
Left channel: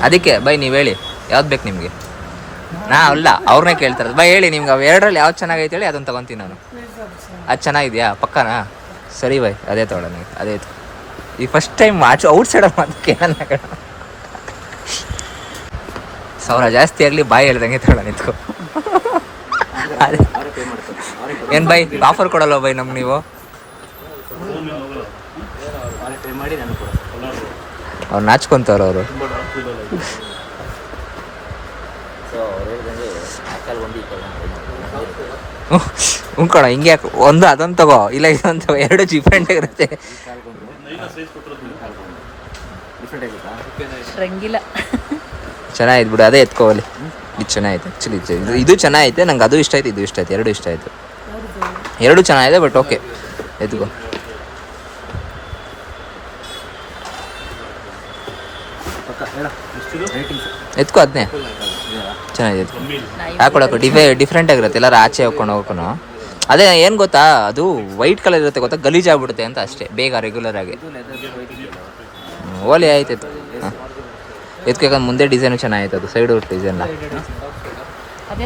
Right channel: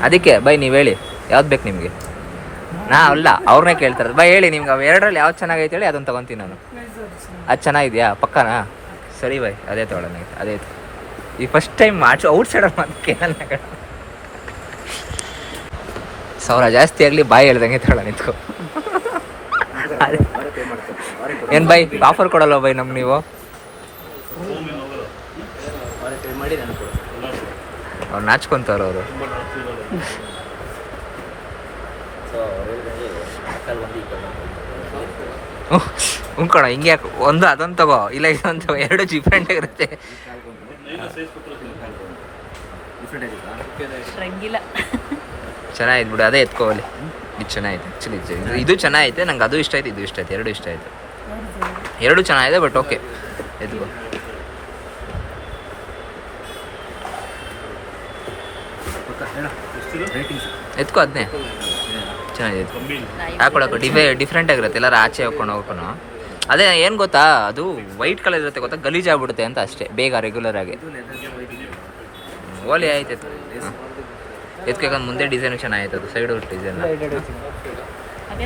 ಅದಕ್ಕೆ ಬೈ ನೀವು ಹೇಳಿ ಯಾವ್ದು ಬೇಕು ನಿಮಗೆ? ನಾ ಅಲ್ಲ ಅವ್ರನ್ನೇ ಕೇಳ್ತಾರೆ. ಬಾ ಹೇಳಿ ನಿಮ್ಗೆ, ಅವು ಎರಡರಲ್ಲಿ ಯಾವ್ದು ಚೆನ್ನಾಗೈತೆ ಹೇಳಿ ಅದನ್ನ ತಗೊಂತೀನಿ ನಾನು. ಅದು ಚೆನ್ನಾಗಿದೆಯಾ? ಪಕ್ಕನಾ? ಸರಿ ಬಾಯ್ ಅದೇ ತಗೊಳ್ಳೋಣ ಅದೇ. ಈ ಫಸ್ಟ್ ಟೈಮ್ ಆಚು ಔಟ್ ಸೈಡ್ ಅದಕ್ಕೆ ಸಾವಿರ ಜಾಸ್ತಿ ಆಗಲಿ, ಬಾಯಿ ಹೇಳ್ದಂಗೆ ತಗೊಳ್ಳೋಣ, ನಿಂತ್ಕೊ. ಏನು ಬೈ ಆಫರ್ ಕೊಡಲ್ವ ಬೈ ನಮ್ಗೆ ನೀವು? ಅವ್ರು ನಾಚ್ಕೊಂತಾರ ಅವರು ಸೊ ಅವ್ರು ಹೇಳ್ದಂಗೆ ಆ ಕಾಲ್ ಬಂದು ಈ ಕಾಲ್ ಬಂದು ಉಂಕೋಣ ಹಿಂಗೆ ಯಾಕೆ ಒಂದು ಅದೊಂದು ತಗೋ ಇಲ್ಲ ಇದೊಂದು ತಗೋ ಎರಡು ಡಿಫ್ರೆಂಟ್ ಆಗಿರುತ್ತೆ. ಚೆನ್ನಾಗಿತ್ತು ಬಿಡು ಅದೇ ಎತ್ಕೋವಲ್ಲಿ ಇದು ಚೆನ್ನಾಗಿತ್ತು ಆ್ಯಕ್ಚುಲಿ ಇದು ಇದು ಚೆನ್ನಾಗೈತೆ ನಂಗೆ ಅದು ಇಷ್ಟ ಆಯ್ತು ಇದು ಇಷ್ಟ ಆಯ್ತು ಎರಡು ಇಷ್ಟ ಆಯ್ತು. ಎರಡು ಚೆನ್ನಾಗಿದೆ ಬಟ್ ಓಕೆ ಎತ್ಕೋ. ಎತ್ಕೋ ಅದನ್ನೇ ಚೆನ್ನಾಗಿದೆ. ಹಾಕೊಳಕ್ಕೆ ಡಿಫೆ ಡಿಫ್ರೆಂಟ್ ಆಗಿರುತ್ತೆ ಎಲ್ಲರೂ ಆಚೆ ಹಾಕೊಂಡು ಹೋಗ್ಕೊಂಡು. ಅದೇ ಏನು ಗೊತ್ತಾ ಅದು ವೈಟ್ ಕಲರ್ ಇರುತ್ತೆ ಗೊತ್ತಾ ಗಲೀಜ್ ಆಗ್ಬಿಡುತ್ತೆ ಅಂತ ಅಷ್ಟೇ ಬೇಗ ರೆಗ್ಯುಲರ್ ಆಗಿ. ಓಲಿ ಆಯ್ತು ಹಾಂ. ಎತ್ಕೋಕೆ ಮುಂದೆ ಡಿಸೈನು ಚೆನ್ನಾಗಿತ್ತು ಅದು ಸೈಡು ಡಿಸೈನ್ ಅದೇ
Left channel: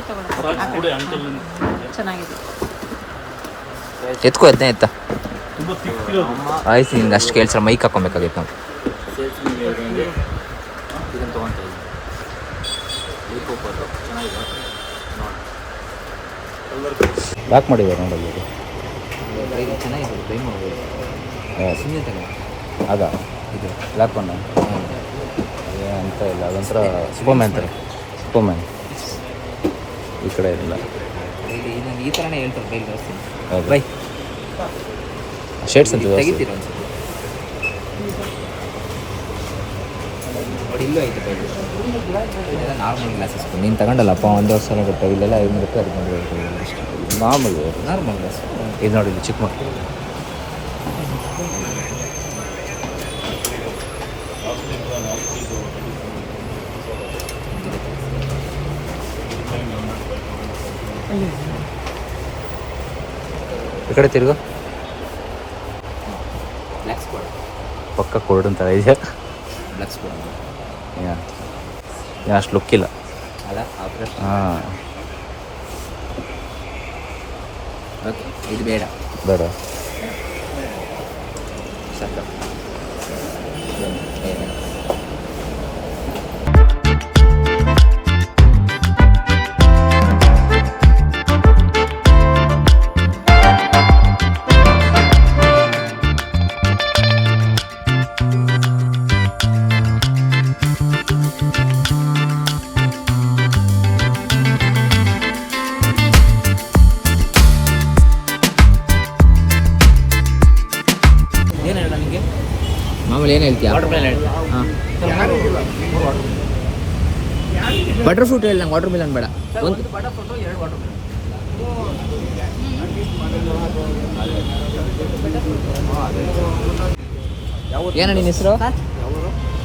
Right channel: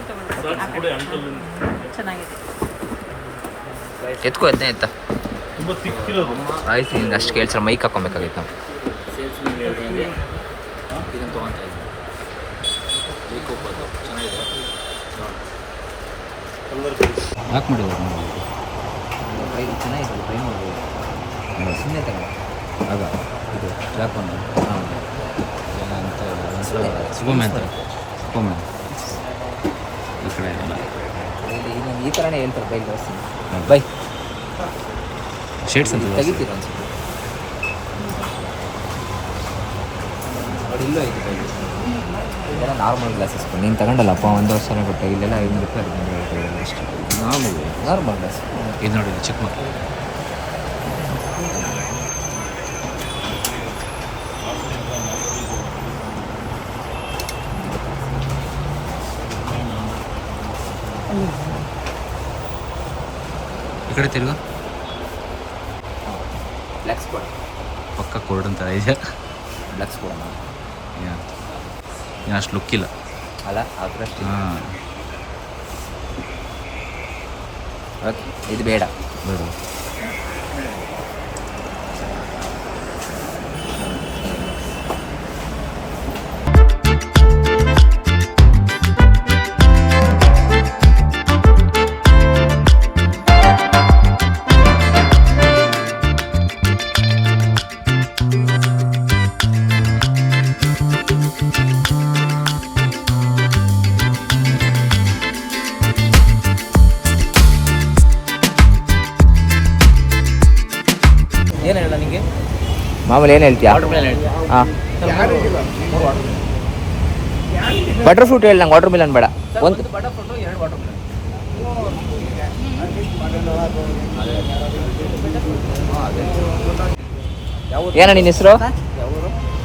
ತಗೊಂಡು. ಚೆನ್ನಾಗಿದೆ. ಎತ್ಕೋ ಅದನ್ನೇ ಎತ್ತ? ಆಯ್ತು ಹಿಂಗೆ ಅಷ್ಟು ಕೇಳ್ಸ ಮೈಕ್ ಹಾಕೊಬೇಕಾಗಿತ್ತು ನಾವು ಬದಲು ಚೆನ್ನಾಗಿದೆ. ನೋಡಿ. ಯಾಕೆ ಮಾಡಿದ್ದಾರೆ ನೋಡಲ್ಲಿ ಚೆನ್ನಾಗಿದೆ ಟ್ರೈ ಮಾಡ್ಬೋದು ಸುಮ್ಮನೆ ತಗೊಳ್ಳ ಅದ ಇದು ಬ್ಲ್ಯಾಕ್ ಬಂದ. ಅಂತ ಇಲ್ಲ ಅದೊಂಥರ ಸೂಪರ್ಮ್ಯಾನ್ ಥರ ಸೂಪರ್ಮ್ಯಾನ್ ಈ ಕಡೆ ಇರಲ್ಲ. ಇಲ್ಲಿ ನಾನು ಈ ಥರನೇ ಹೇಳ್ತಾರೆ ಬೈಲ್ ಹೌದು. ಬೈ. ಶೇಡ್ಸ್ ಅಂತ. ತೆಗಿತೀರ ಅನ್ಸುತ್ತೆ ನೋಡಿ ಇಲ್ಲೂ ಐತೆ ಬೈಲ್ ಇದೆಲ್ಲ ನಾರ್ಮಲ್ ಗ್ಲಾಸಸ್ ನೀನು ತಗೊಂಡಲ್ಲಪ್ಪ ಒಂದು ವರ್ಷ ಕೊಟ್ಟೆ. ಇಲ್ಲೆಲ್ಲ ಐನೂರು ರೂಪಾಯಿ ಹದಿನೈದು ರೂಪಾಯಿ ಅಷ್ಟೇ. ನಾರ್ಮಲ್ ನಾರ್ಮಲ್ ಗ್ಲಾಸ್ ಇದು ನೋಡಿ ಇಲ್ಲಿ ಚಿಕ್ಕ ಮಕ್ಕಳು ಈ ಕಡೆ ತಿರುಗು. ಬ್ಲ್ಯಾಕ್ಸ್ ಕೊಡ. ಪಕ್ಕ ಕೋರ್ಡ್ ಅಂತ ಇದೆಯಾ ಬ್ಲ್ಯಾಕ್ಸ್ ಕೊಡೋಣ ಏನು ಅಷ್ಟು ಲುಕ್ಕಿಲ್ಲ ಅಲ್ಲ ಹಾಂ. ಇದು ಬೇಡ. ಬೇಡ. ಏನು ಹೇಳ ನಿಮಗೆ ಮಾಮೂಲಿ ಏನು ಹೇಳ್ತೀಯಾ? ಹಾಂ. ಬಟರ್ ಫ್ರೂಟ್ ಹೇಳಿ ನಂಗೆ ವಾಟರ್ ಮಿಲನ್ ಬೇಡ. ಒಂದು ಏನ ನಿನ್ನ ಹೆಸರು?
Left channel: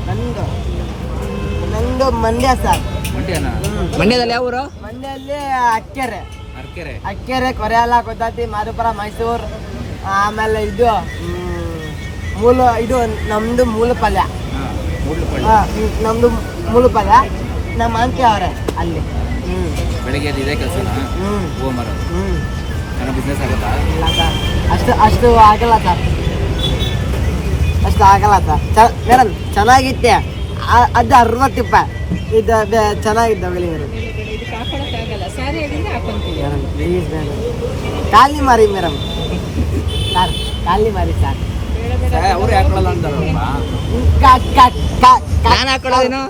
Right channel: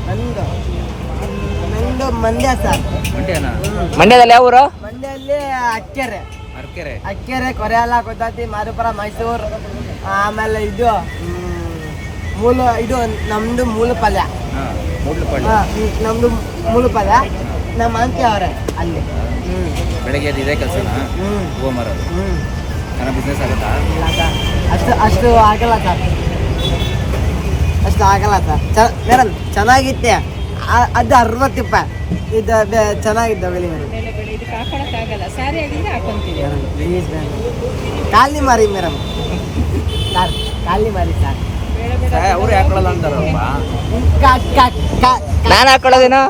ನಂದು. ನಂದು ಮಂಡ್ಯ ಸರ್. ಮಂಡ್ಯದಲ್ಲಿ ಯಾವ ಊರು? ಮಂಡ್ಯಲ್ಲಿ ಅಕ್ಕೆರೆ. ಅರ್ಕೆರೆ. ಅಕ್ಕೆರೆ ಕೊರೆಯಲ್ಲ ಕೊದ್ದಾತಿ ಮಾರುಪುರ ಮೈಸೂರು ಆಮೇಲೆ ಇದು ಮೂಲ ಇದು ನಮ್ದು ಮೂಲ ಪಲ್ಯ. ಹಾ, ಹ್ಮ್, ನಮ್ದು ಮೂಲ ಪಲ್ಯ. ನಮ್ಮ ಆಂಟಿ ಅವರ ಅಲ್ಲಿ. ಹ್ಮ್. ಬೆಳಗ್ಗೆ ಎದ್ದು ಇದೇ ಕೆಲಸ ಹ್ಮ್. ಬಿಸ್ನೆಸ್ ಆಗುತ್ತಾ? ಇಲ್ಲ ಸರ್ ಅಷ್ಟು ಅಷ್ಟು ಆಗಲ್ಲ ಸರ್ ಅಷ್ಟು ಆಗಲ್ಲ ಸರ್ ಚ ಮೇಡಮ್ ಚೆನ್ನಾಗಿತ್ತೆ. ಆ- ಅದು ಅರವತ್ತು ರೂಪಾಯಿ ಇದು ಬೆ- ಚೆನ್ನಾಗಿದ್ದ ಬೆಲೆ ಮೇಡಮ್ ಮೇಲೆಗಡೆ ಇದಕ್ಕೆ ಹಾಕೊಳಕ್ಕಾಗಲ್ಲ ಸ್ಯಾರಿ ಆಗಿದ್ರೆ ಹಾಕೊಂತೀವಿ ಪ್ಲೀಸ್ ಮೇಡಮ್ ಕಾಲಿ ಮಾರಿ ಮೇಡಮ್ ಸರ್ ಕಾಲಿ ಮಾರಿ ಸರ್ ಅವ್ರು ಹಾಕೊಳ್ಳಲ್ಲ ಅಂತಾರಪ್ಪ ನಾನು ಹಾಕೊಳ್ಳೋದೇನೋ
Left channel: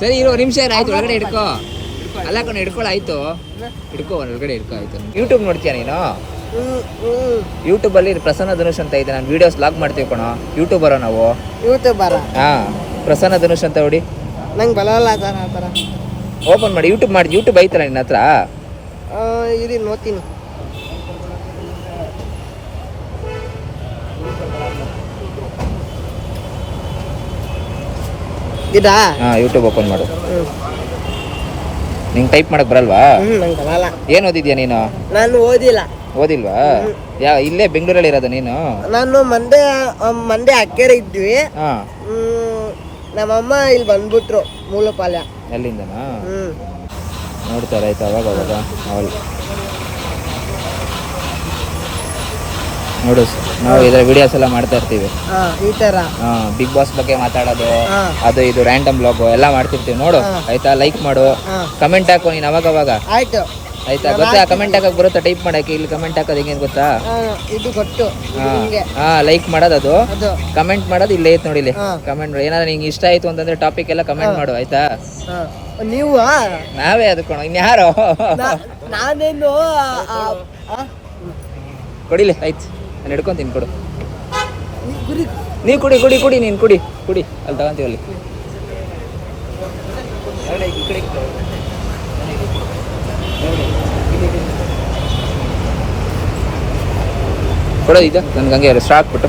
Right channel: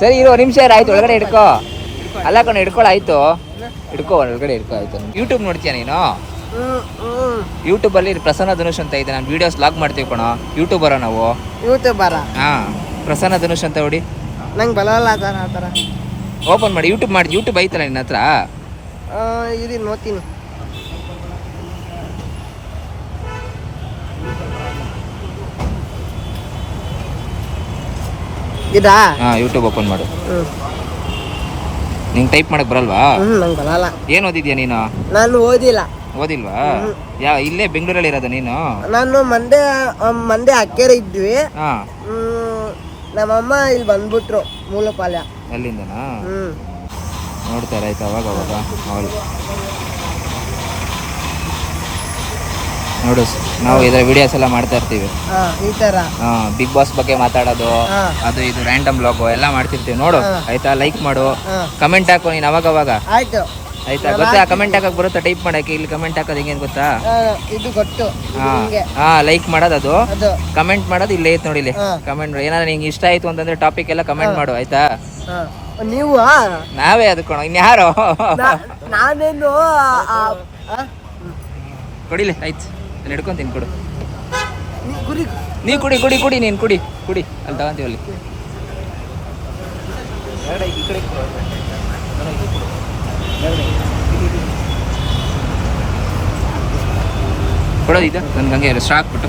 ಸರ್. ಇರೋ ನಿಮಿಷ ಆಯ್ತು ಒಳಗಡೆ ಹಿಡ್ಕೋ. ಅಲ್ಲ ಕಣ ಹಿಡ್ಕೊಳ್ಳ ಆಯ್ತು. ಹಿಡ್ಕೋ ಒಳಗಡೆ ಹಿಡ್ಕೋ ಆಯ್ತು. ಯೂಟ್ಯೂಬ್ ನೋಡ್ತೀಯ ನೀನು? ಯೂಟ್ಯೂಬ್ ಅಲ್ಲಿ ಯೂಟ್ಯೂಬಲ್ಲಿ ಪ್ರಸನ್ನ ಧನುಷ್ ಅಂತ ಇದೆ. ನಾನು ವಿಡಿಯೋಸ್ ಲಾಗ್ ಮಾಡ್ತೀವಿ ಕಣೋ. ಯೂಟ್ಯೂಬರ ನಾವು. ಯೂಟ್ಯೂಬರ ಹಾ ಪ್ರಸನ್ನ ಧನುಷ್ ಅಂತ ನೋಡಿ ನಂಗೆ ಓಪನ್ ಮಾಡಿ ಯೂಟ್ಯೂಬ್ ಮಾಡಿ ಯೂಟ್ಯೂಬ್ ಐತಲ್ಲ ನಿನ್ನ ಹತ್ರ. ಆ, ನೋತೀನಿ ಇದಾ? ಹಾಂ ಯೂಟ್ಯೂಬ್ ಓಪನ್ ಮಾಡು. ನಿಂಗೆ ಟೈಪ್ ಮಾಡಕ್ ಬರಲ್ವಾ? ಏನ್ ನಂಗೆ ಬರಲ್ಲ. ಏನು ಓದಿದ್ಯಾ ನೀನು? ನಾನು ಓದಿಲ್ಲ. ಓದಿಲ್ವಾ? ಯಾ ಇಲ್ಲೇ ಬೆಂಗಳೂರಲ್ಲಿ ಇರೋದು ನೀನು? ನಾನು ಮಂದೆ ಮಂದೆ ಅಕ್ಕೇರೆ ಇದ್ವಿ. ನಮ್ಮಮ್ಮ ಇಲ್ಲಿ ಬಂದ್ಬಿಟ್ರು ಮೂಲಪಾಲ್ಯ. ಅಲ್ಲಿಂದನಾ ನೋಡ್ತಾರೆ ಆಯ್ತು ಅವಾಗ ಅವಾಗ. ನೋಡು ನಾವು ಇದರ ವಿಡಿಯೋಸ್ ಎಲ್ಲ ಮಾಡ್ತಾ ಇರ್ತೀವಿ. ಹಾ ಈ ತರ. ಬಿಗ್ ಬಾಸ್ ಬಗ್ಗೆ ಮಾತಾಡೋದು ಅದು ಇದು ರ್ಯಾಂಡಮ್ ಬ್ಲಾಗ್ ಎಲ್ಲ ಮಾಡ್ತಿರ್ತೀವಿ ನೋಡು. ಆಯ್ತಾ? ಲೈಕ್ ಮಾಡು. ಕಮೆಂಟ್ ಹಾಕು ನೀನು ಅವಾಗ ಅವಾಗ ಆಯ್ತು? ಆಯ್ತಾ ಗೊತ್ತಾ? ಕಮೆಂಟ್ ಹಾಕಕ್ ಬರುತ್ತಾ? ಟೈಪ್ ಮಾಡಕ್ಕೆ ಇಲ್ಲಿ ಕಮೆಂಟ್ ಹಾಕೋದು ಹೆಂಗೆ ಗೊತ್ತಾ? ಇದು ಗೊತ್ತು. ಹಾ. ಲೈಕ್ ಮಾಡೋದು ಅದು. ಕಮೆಂಟ್ ಮಾಡೋದು ಇಲ್ಲೇ ಐತೆ ನೋಡಿ ಇಲ್ಲಿ. ಕಮೆಂಟ್ ಏನಾದ್ರು ನಿಂಗೆ ಇಷ್ಟ ಆಯ್ತು ಅಂತಂದ್ರೆ ಟಾಪಿಕ್ ಎಲ್ಲ ಕಮೆಂಟ್ ಮಾಡು ಆಯ್ತಾ? ನೀವು? ನಾವೇ ಅದಕ್ಕೋಣ ಇನ್ಯಾರು ನಾನೇನು? ಕೊಡಿಲಿ ಆಯ್ತು. ನಾನು ಹಿಡ್ಕೊಂತೀನಿ ಕೊಡು. ನೀ ಕುಡಿ. ಕುಡಿ ಕುಡಿ ನೀನು ಕುಡಿ ಕುಡಿ ಅಲ್ಲಿ ತಗೊಂತೀವಿ ಅಲ್ಲಿ. ಕೊಡೋದು ಇದು? ನನ್ಗೆ ಹಂಗೆ ಸ್ಟಾಕ್ ಬಿಟ್ಟು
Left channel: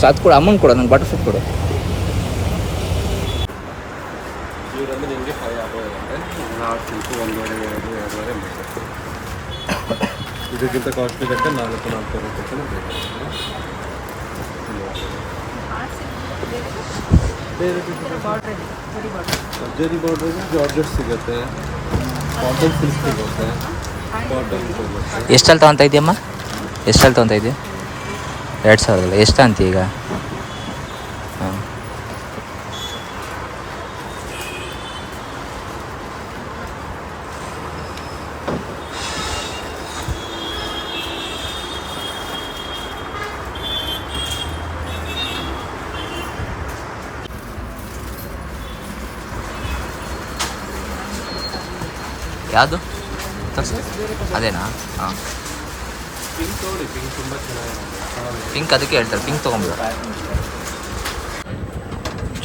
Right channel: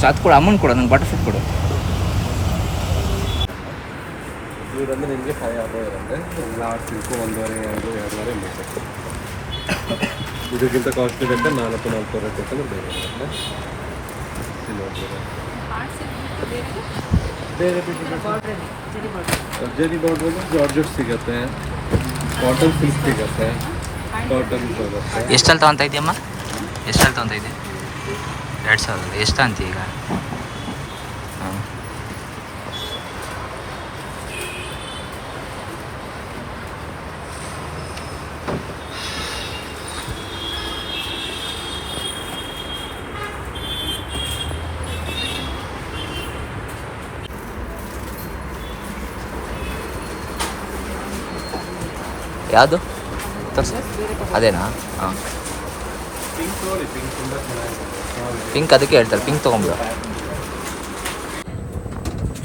ಸಾತ್ ಕೊಡು ಅಮ್ಮನ ಕೊಡು ನಂಗೆ ಬಟರ್ ಫ್ರೂಟ್ ಕೊಡು. ಇದಕ್ಕಿಂತ ಕಾಸ್ಟ್ಲಿ ಬಂದರೆ ನಾಲ್ಕು ನಾಲ್ಕೂವರೆ ರೂಪಾಯಿ ಬೇರೆ ಸರ್ಜರಿ ಬಾರ್ಡ್ರ್ ಜಾರ್ಜೆಟ್ ಸಿಗುತ್ತೆ. ಕಾಟನ್ ಸಿಲ್ಕ್ ಸಿಗುತ್ತೆ. ಕಾಟನ್ ಎಷ್ಟಲ್ಲಿ ತೊಗೊತಾ ಇದೆಯಮ್ಮ? ಎಷ್ಟಲ್ಲಿ ತೊಗೊತಾ ಇದೆಯಾ? ಎರಡು ಸಾವಿರದಲ್ಲ. ಎಷ್ಟು ಅಂತ ಈಗ? ಯಾವುದು? ತೋರಿಸಿ. ಅದೇನಾ? ಹಾಂ. ಪಿಂಕ್ ಅದಕ್ಕೆ ಹೇಳ್ತಾರೆ. ಪಿಂಕ್ ತೊಗೊಂಬಿಡು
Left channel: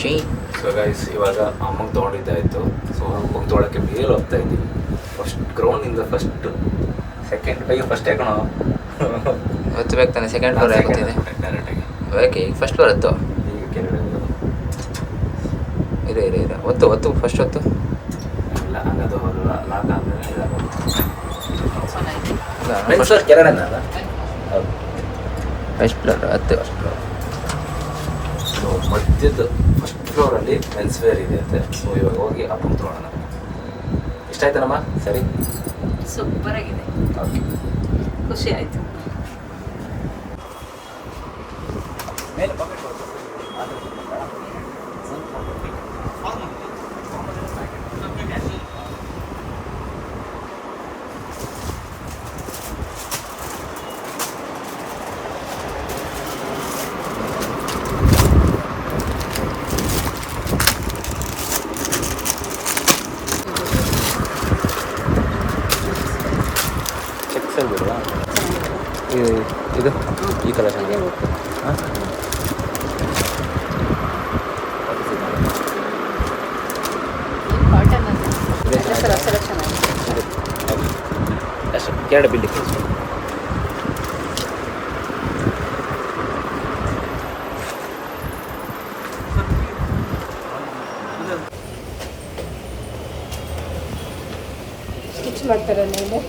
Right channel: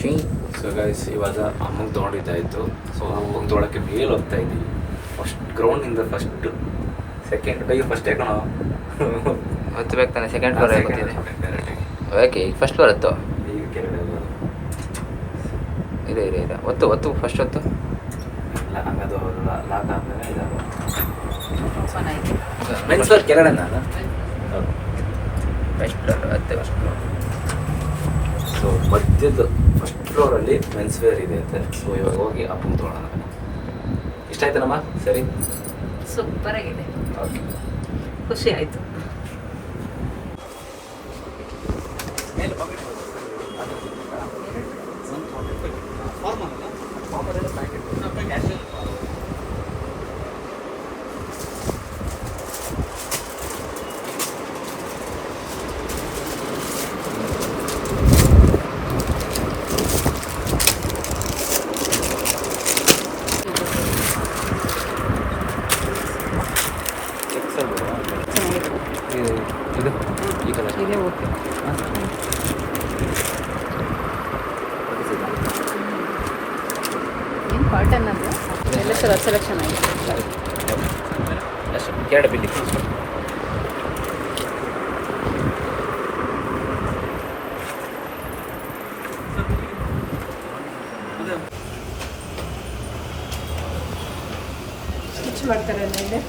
ಚೀ ಸೊ ಗೈಸ್ ಇವಾಗ ಅಮ್ಮಗೆ ತೊಗೊಂಡಿದ್ದಾಯಿತು ಸೊ ಅಮ್ಮಗೆ ತೊಗೊಳಕ್ಕೆ ಮೇಲೆ ಹೋಗ್ತಾ ಇದ್ದೀವಿ. ಫಸ್ಟ್ ಗ್ರೌಂಡಿಂದ ಫಸ್ಟ್ ಸೆಕೆಂಡ್ ಬೈ ಫಸ್ಟ್ ಯಾಕಣೋ ಬೇಕು ತಾನೆ ಸೆಕೆಂಡ್ ಫ್ಲೋರ್ ಯಾಕೆ ಡೈರೆಕ್ಟಾಗಿ ಓಕೆ ಈಗ ಫಸ್ಟ್ ಫ್ಲೋರ್ ಇತ್ತು ಇದೆ ಇದೆ ಇದೆ ಒತ್ತು ಒತ್ತು ಫಸ್ಟ್ ಹೊತ್ತು? ಹಂಗದು ಲಾಕ್ ಆದ್ಮೇಲೆ ಇದಾಗುತ್ತೆ ಫಸ್ಟ್ ಕೆಳಗಡೆ ಫಸ್ಟ್ ಫ್ಲೋರ್ ಹತ್ತು ಸೊ ಮಧ್ಯದ ಫಸ್ಟ್ ಫ್ಲೋರಲ್ಲಿ ಮೆನ್ಸ್ ವೇರ್ ಇದೆ ಅಂತೆ ಸೊ ಇವಾಗ ಹೋಗಿ ಅಪ್ಪನ ತೊಗೊಳ್ಳೋಣ ಇಷ್ಟ ಆಯ್ತನಮ್ಮ ಸರಿ ಸೂಪರ್ ಆಗಿದೆ ಓಕೆ ಖುಷಿ ಆಯ್ತು ಇದು ಈ ಕಲರ್ ಕಾಟನ್ ಅಂತ ಎಲ್ಲ ಥರ ಸೆಲೆಕ್ಷನ್ ಎರಡು ಬಿಲ್ಲಿ ಸ್ಟಿಚ್ ಮಾಡ್ತಾರೆ ಅಲ್ಲಿಂದ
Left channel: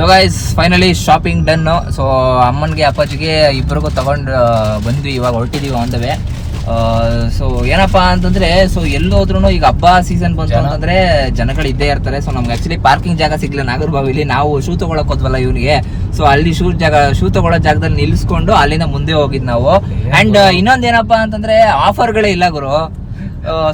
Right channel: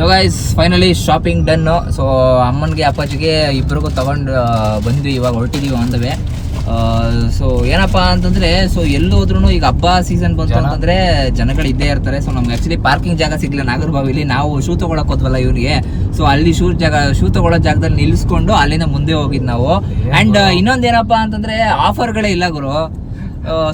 so guys finally shopping done so ಅಮ್ಮನಿಗೆ ಅಪ್ಪಾಜಿಗೆ ಇಬ್ಬರಿಗೂ ತಗೊಂಡು ಬಂದ್ವಿ. ಇವಾಗ ಹೊರಟಿದೀವಿ ಒಂದವೇ ಸೊ ಏನಪ್ಪ ಅಂತಂದ್ರೆ ಸೊ ಎಲ್ಲೋದ್ರೂ ಈಗ ಹಬ್ಬ ಸೀಸನ್ ಬಂತು ಅಂತಂದ್ರೆ ಜನಗಳು ಇದ್ದೇ ಇರ್ತಾರೆ. ಸೊ ನಮ್ಗೆ ಆಕ್ಚುಲಿ ಪಾರ್ಕಿಂಗ್ ಜಾಗ ಸಿಗ್ಲಿಲ್ಲ. ನಾಗರಬಾವಿಲಿ ನಾವು ಶೂ ತಗೊಳಕ್ ಹೋದ್ವಲ್ಲ ಇವನಿಗೆ. ಸೊ ಅಲ್ಲಿ ಶೂ ಜಾಗ ಶೂ ತಗೊಳ್ಳೋ ಜಾಗದಲ್ಲಿ ನಿಲ್ಸ್ಕೊಂಡು ಅಲ್ಲಿಂದ ಮುಂದೆ ಹೋಗಿದ್ ನಾವು. ಅಂಡ್ ಇನ್ನೊಂದ್ ಏನಪ್ಪಾ ಅಂತಂದ್ರೆ ಆಫರ್ಗಳೇ ಇಲ್ಲ ಗುರು.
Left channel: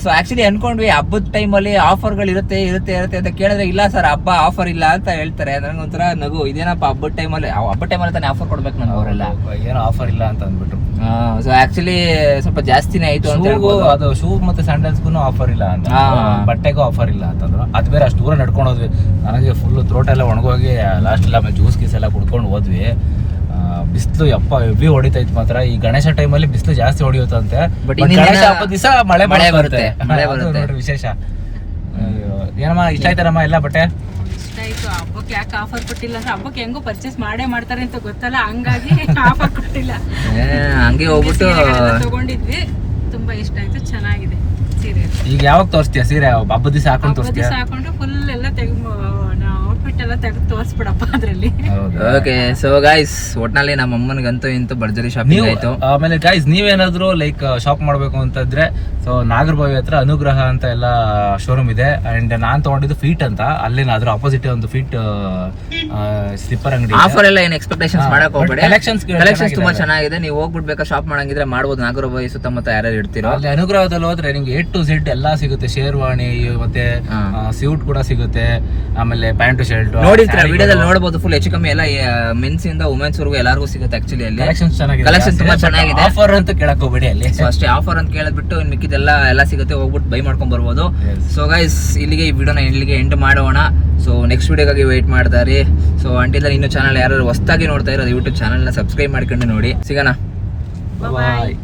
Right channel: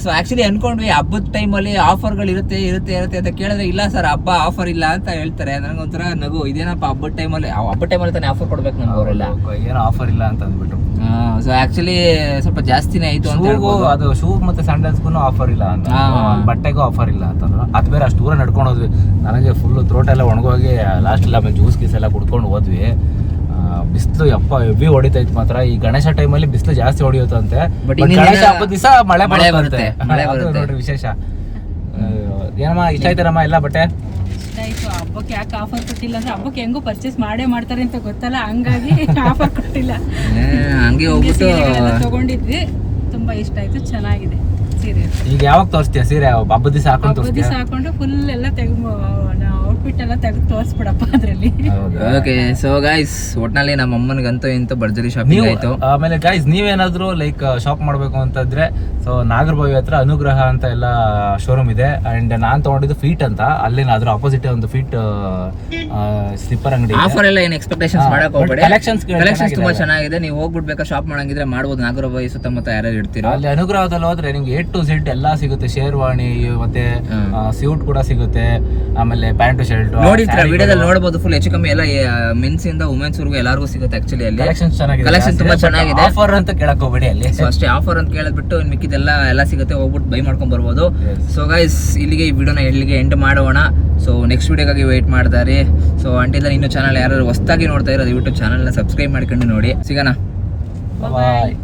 ಸೊ ಆಕ್ಚುಲಿ ಅನ್ಕೊಂಡ್ವಿ ಹಬ್ಬದ ಟೈಮಲ್ಲಿ ಆಫರ್ಗಳು ಇರುತ್ತೆ ಇರುತ್ತೆ ಇರುತ್ತೆ ಅಂತ ಕೇಳಿದ್ರೆ ಇಲ್ಲ ಸರ್ ಹಬ್ಬ ಆಫರ್ ಇಲ್ಲ ಅಂತ ಹೇಳ್ತಾರೆ. ನನಗೊಂಥರ ನಗು. ಇದೇನಪ್ಪ ಹಬ್ಬದ ಟೈಮಲ್ಲಿ ಹಬ್ಬದ ಟೈಮಲ್ಲಿ ತಾನೇ ಆಫರ್ ಕೊಡ್ಬೇಕು ನಮ್ಗೆ ಅವರೆಲ್ಲ. ಏನೋ ಆಫರ್ ಇಲ್ಲ ಅಂತ ಅಂದ್ಬಿಟ್ಟು. ಸೊ ಆಕ್ಚುಲಿ ಸ್ವಲ್ಪ ಜಾಸ್ತಿನೇ ಆಯ್ತು ಅಂತ ಹೇಳ್ಬೋದು. ಅದು ಶೂ ಮತ್ತೆ ಸ್ಯಾಂಡಲ್ಸ್ಗೂ ಆಫರ್ ಇಲ್ಲ ಅಂತ. ಬಟ್ಟೆಗೂ ಆಫರ್ ಇಲ್ಲ ಅಂತಂದ್ರು ಅದು ಬೇರೆ ಅಷ್ಟು ದೂರ ನಡ್ಕೊಂಡು ಹೋದ್ವಿ. ನನಗೆ ಫುಲ್ ಥ್ರೋಟ್ ಎಲ್ಲ ಒಣಗೋಗಿ ಲಾಸ್ಟ್ ಎಲ್ಲ ಜ್ಯೂಸ್ ಗೀಸ್ ಎಲ್ಲ ಕುಡ್ಕೊಂಡು ಹೋದ್ವಿ. ಬಿಸಿಲು ಯಪ್ಪ ಹೆವಿ ಹೊಡಿತೈತ್ ಮಾತ್ರ. ಈ ಗಣೇಶ ಟೈಮಲ್ಲಿ ಬಿಸಿಲು ಜಾಸ್ತಿ ಹೊಡಿಯುತ್ತಂತೆ. But But ಇನ್ನಿನ ಗಣೇಶ ಹಬ್ಬದ ದಿವಸ ಮಳೆ ಮಳೆ ಬರುತ್ತೆ. ಮಳೆ ಬರುತ್ತೆ. ನೋಡ್ರಿ ವಿಶೇಷ. ಏನಮ್ಮ ಇಷ್ಟ ಆಯ್ತಾರಮ್ಮ ಎಲ್ಲ ಬಟ್ಟೆ? ಇಷ್ಟ ಆಯ್ತು. ಹಬ್ಬಕ್ಕೆ ಯಾಕೆ ಆಫರ್ ಕೊಟ್ಟಿಲ್ಲ ಅಂದ್ರೆ ಹಬ್ಬಕ್ಕೆ ಹೆಂಗೋ ಪರ್ಚೇಸ್ ಮಾಡೇ ಮಾಡ್ತಾರೆ ಅಂತ ಗೊತ್ತಲ್ಲ ಹಂಗಾಗಿ (laughs) ಆಫರ್ ಕೊಟ್ಟಿಲ್ಲ. ಹಂಗೆ ಹೋಗ್ಬಿಟ್ಟು ಸೀರೆಗಳೆಲ್ಲ ತಗೊಂಡಿದ್ವಿ. ತುಂಬಾ ಇಷ್ಟ ಆಯ್ತು ಚೆನ್ನಾಗಿದೆ ಸೀರೆ. ಈಗ ಯಾವಾಗ ತೋರಿಸ್ತೀಯ ಸೀರೆ? ಹಬ್ಬದ ದಿವಸ ಹಾಕೊಂಡು ಹಬ್ಬದ ತೋರಿಸ್ತೀಯ? ದಿವಸ ಹಾಕೊಂಡು ಫುಲ್ ಎಲ್ಲ ತೆಗೆದು ಔಟ್ಫಿಟ್ ಎಲ್ಲ ತೆಗೆದು ತೋರಿಸ್ಬಿಡಪ್ಪ ಅದ್ರಲ್ಲಿ. ಓಕೆ ಸೊ ಗೈಸ್ ಒಟ್ನಲ್ಲಿ ನಮ್ಮ ಅಮ್ಮನಿಗಂತೂ ಇಂತೂ ಭರ್ಜರಿ ಶಾಪಿಂಗ್ ನೀವು ಆಯ್ತು. ಆಮೇಲೆ ಗೈಸ್ ನೀವೇನಾದ್ರೂ ಲೈಕ್ ಶಾಪ್ ಮಾಡಬೇಕು ಅಂತಂದ್ರೆ ಸೊ ನಾಗರಭಾವಿ ಹತ್ರ ಅನುಗ್ರಹ ಅಂತ ಎಲ್ಲ ಶೋರೂಮ್ ಇದೆ. ಅಂಡ್ ನಾನ್ ತಗೊಂಡಿದ್ದು ಫೀಟ್ ಅಂತ. ಅಲ್ಲೇನಾದ್ರೂ ಅಪೋಸಿಟ್ ಒಂದು ಫೀಟ್ ಸ್ಲಿಪ್ಪರ್ ಅಂಗಡಿ ಆಫರ್ ಎಲ್ಲ ಏನು ಎಕ್ಸ್ಪೆಕ್ಟೇಷನ್ಸ್ ಮಾಡಕ್ ಹೋಗ್ಬೇಡಿ. ಕಲೆಕ್ಷನ್ಸ್ ಕಲೆಕ್ಷನ್ಸ್ ತುಂಬಾ ಚೆನ್ನಾಗಿದೆ. ನೀವು ಹೋಗ್ಬಿಡ್ಬೇಕಾ ಶಾಪ್ ಮಾಡಂಗಿದ್ರೆ ಮಾಡ್ಬೋದು. ನಾಗರಬಾವಿ ಸುತ್ತಮುತ್ತ ಯಾರ್ಯಾರು ಇರ್ತೀರೋ. ಅಲ್ಲಿ ಅನುಗ್ರಹದಲ್ಲಿ ಹೋದ್ರೆ ನಿಮ್ಗೆ ಎ ಟು ಝೆಡ್ ಎಲ್ಲ ಸಿಗುತ್ತೆ. ಶೇರ್ವಾಣಿ ಮತ್ತೆ. ಸ್ಯೂಟ್ ಕೂಡ ಸಿಗುತ್ತೆ. ಆಮೇಲೆ ಪ್ಯಾಂಟ್ ಶರ್ಟ್ ನೋಡಿರ್ತೀರ? ವಿಡಿಯೋದಲ್ಲಿ ನೋಡಬಹುದು ಫುಲ್ ಹೆಚ್ಚು ಕಮ್ಮಿ ಎಲ್ಲ ಮೆನ್ಸ್ ಇಂದ ವುಮೆನ್ಸ್ ವರ್ಗು ಎಲ್ಲರಿಗೂ ಸಿಗುತ್ತೆ ಆಕ್ಚುಲಿ ಅಲ್ಲಿ. ಕಲೆಕ್ಷನ್ ಚೆನ್ನಾಗಿದೆ. ಕಲೆಕ್ಷನ್ ತುಂಬಾ ಚೆನ್ನಾಗಿದೆ. ಆಫರ್ ಅಂತ ಕೇಳಕ್ ಹೋಗ್ಬೇಡಿ ಅಲ್ಲಿ. ಸೊ ಅಷ್ಟೇ ಆಫರ್ ಅಂತ ಕೇಳಿದ್ಬಿಟ್ಟು ಮಿಕ್ಕಿದೆಲ್ಲ ಎಲ್ಲ ಸಿಗುತ್ತೆ. ಹೋಗ್ಬಿಟ್ಟು ಬೈ ಮಾಡ್ಕೊಂಡ್ ಬರ್ಬೋದು. ಸೊ ಗೈಸ್ ಇಲ್ಲಿಗೆ ಈ ವಿಡಿಯೋನ ಇಲ್ಲಿಗೆ ಎಂಡ್ ಮಾಡೋಣ. ಸೊ ನೆಕ್ಸ್ಟ್ ವೀಡಿಯೋಗಾಗಿ ವೆಯ್ಟ್ ಮಾಡ್ತಾರೆ. ಸೊ ಅಂಟಿಲ್ಲ ಇನ್ನೂ ಚಾನಲ್ ಯಾರು ಹೊಸ್ದಾಗಿ ನೋಡ್ತಾ ಇರೋದು ಯೂಟ್ಯೂಬ್ ಚಾನಲ್ನ ಸಬ್ಸ್ಕ್ರೈಬ್ ಮಾಡ್ಕೊಂಡು ನೋಡಿ. ಸಿಗೋಣ. ಬಾಯ್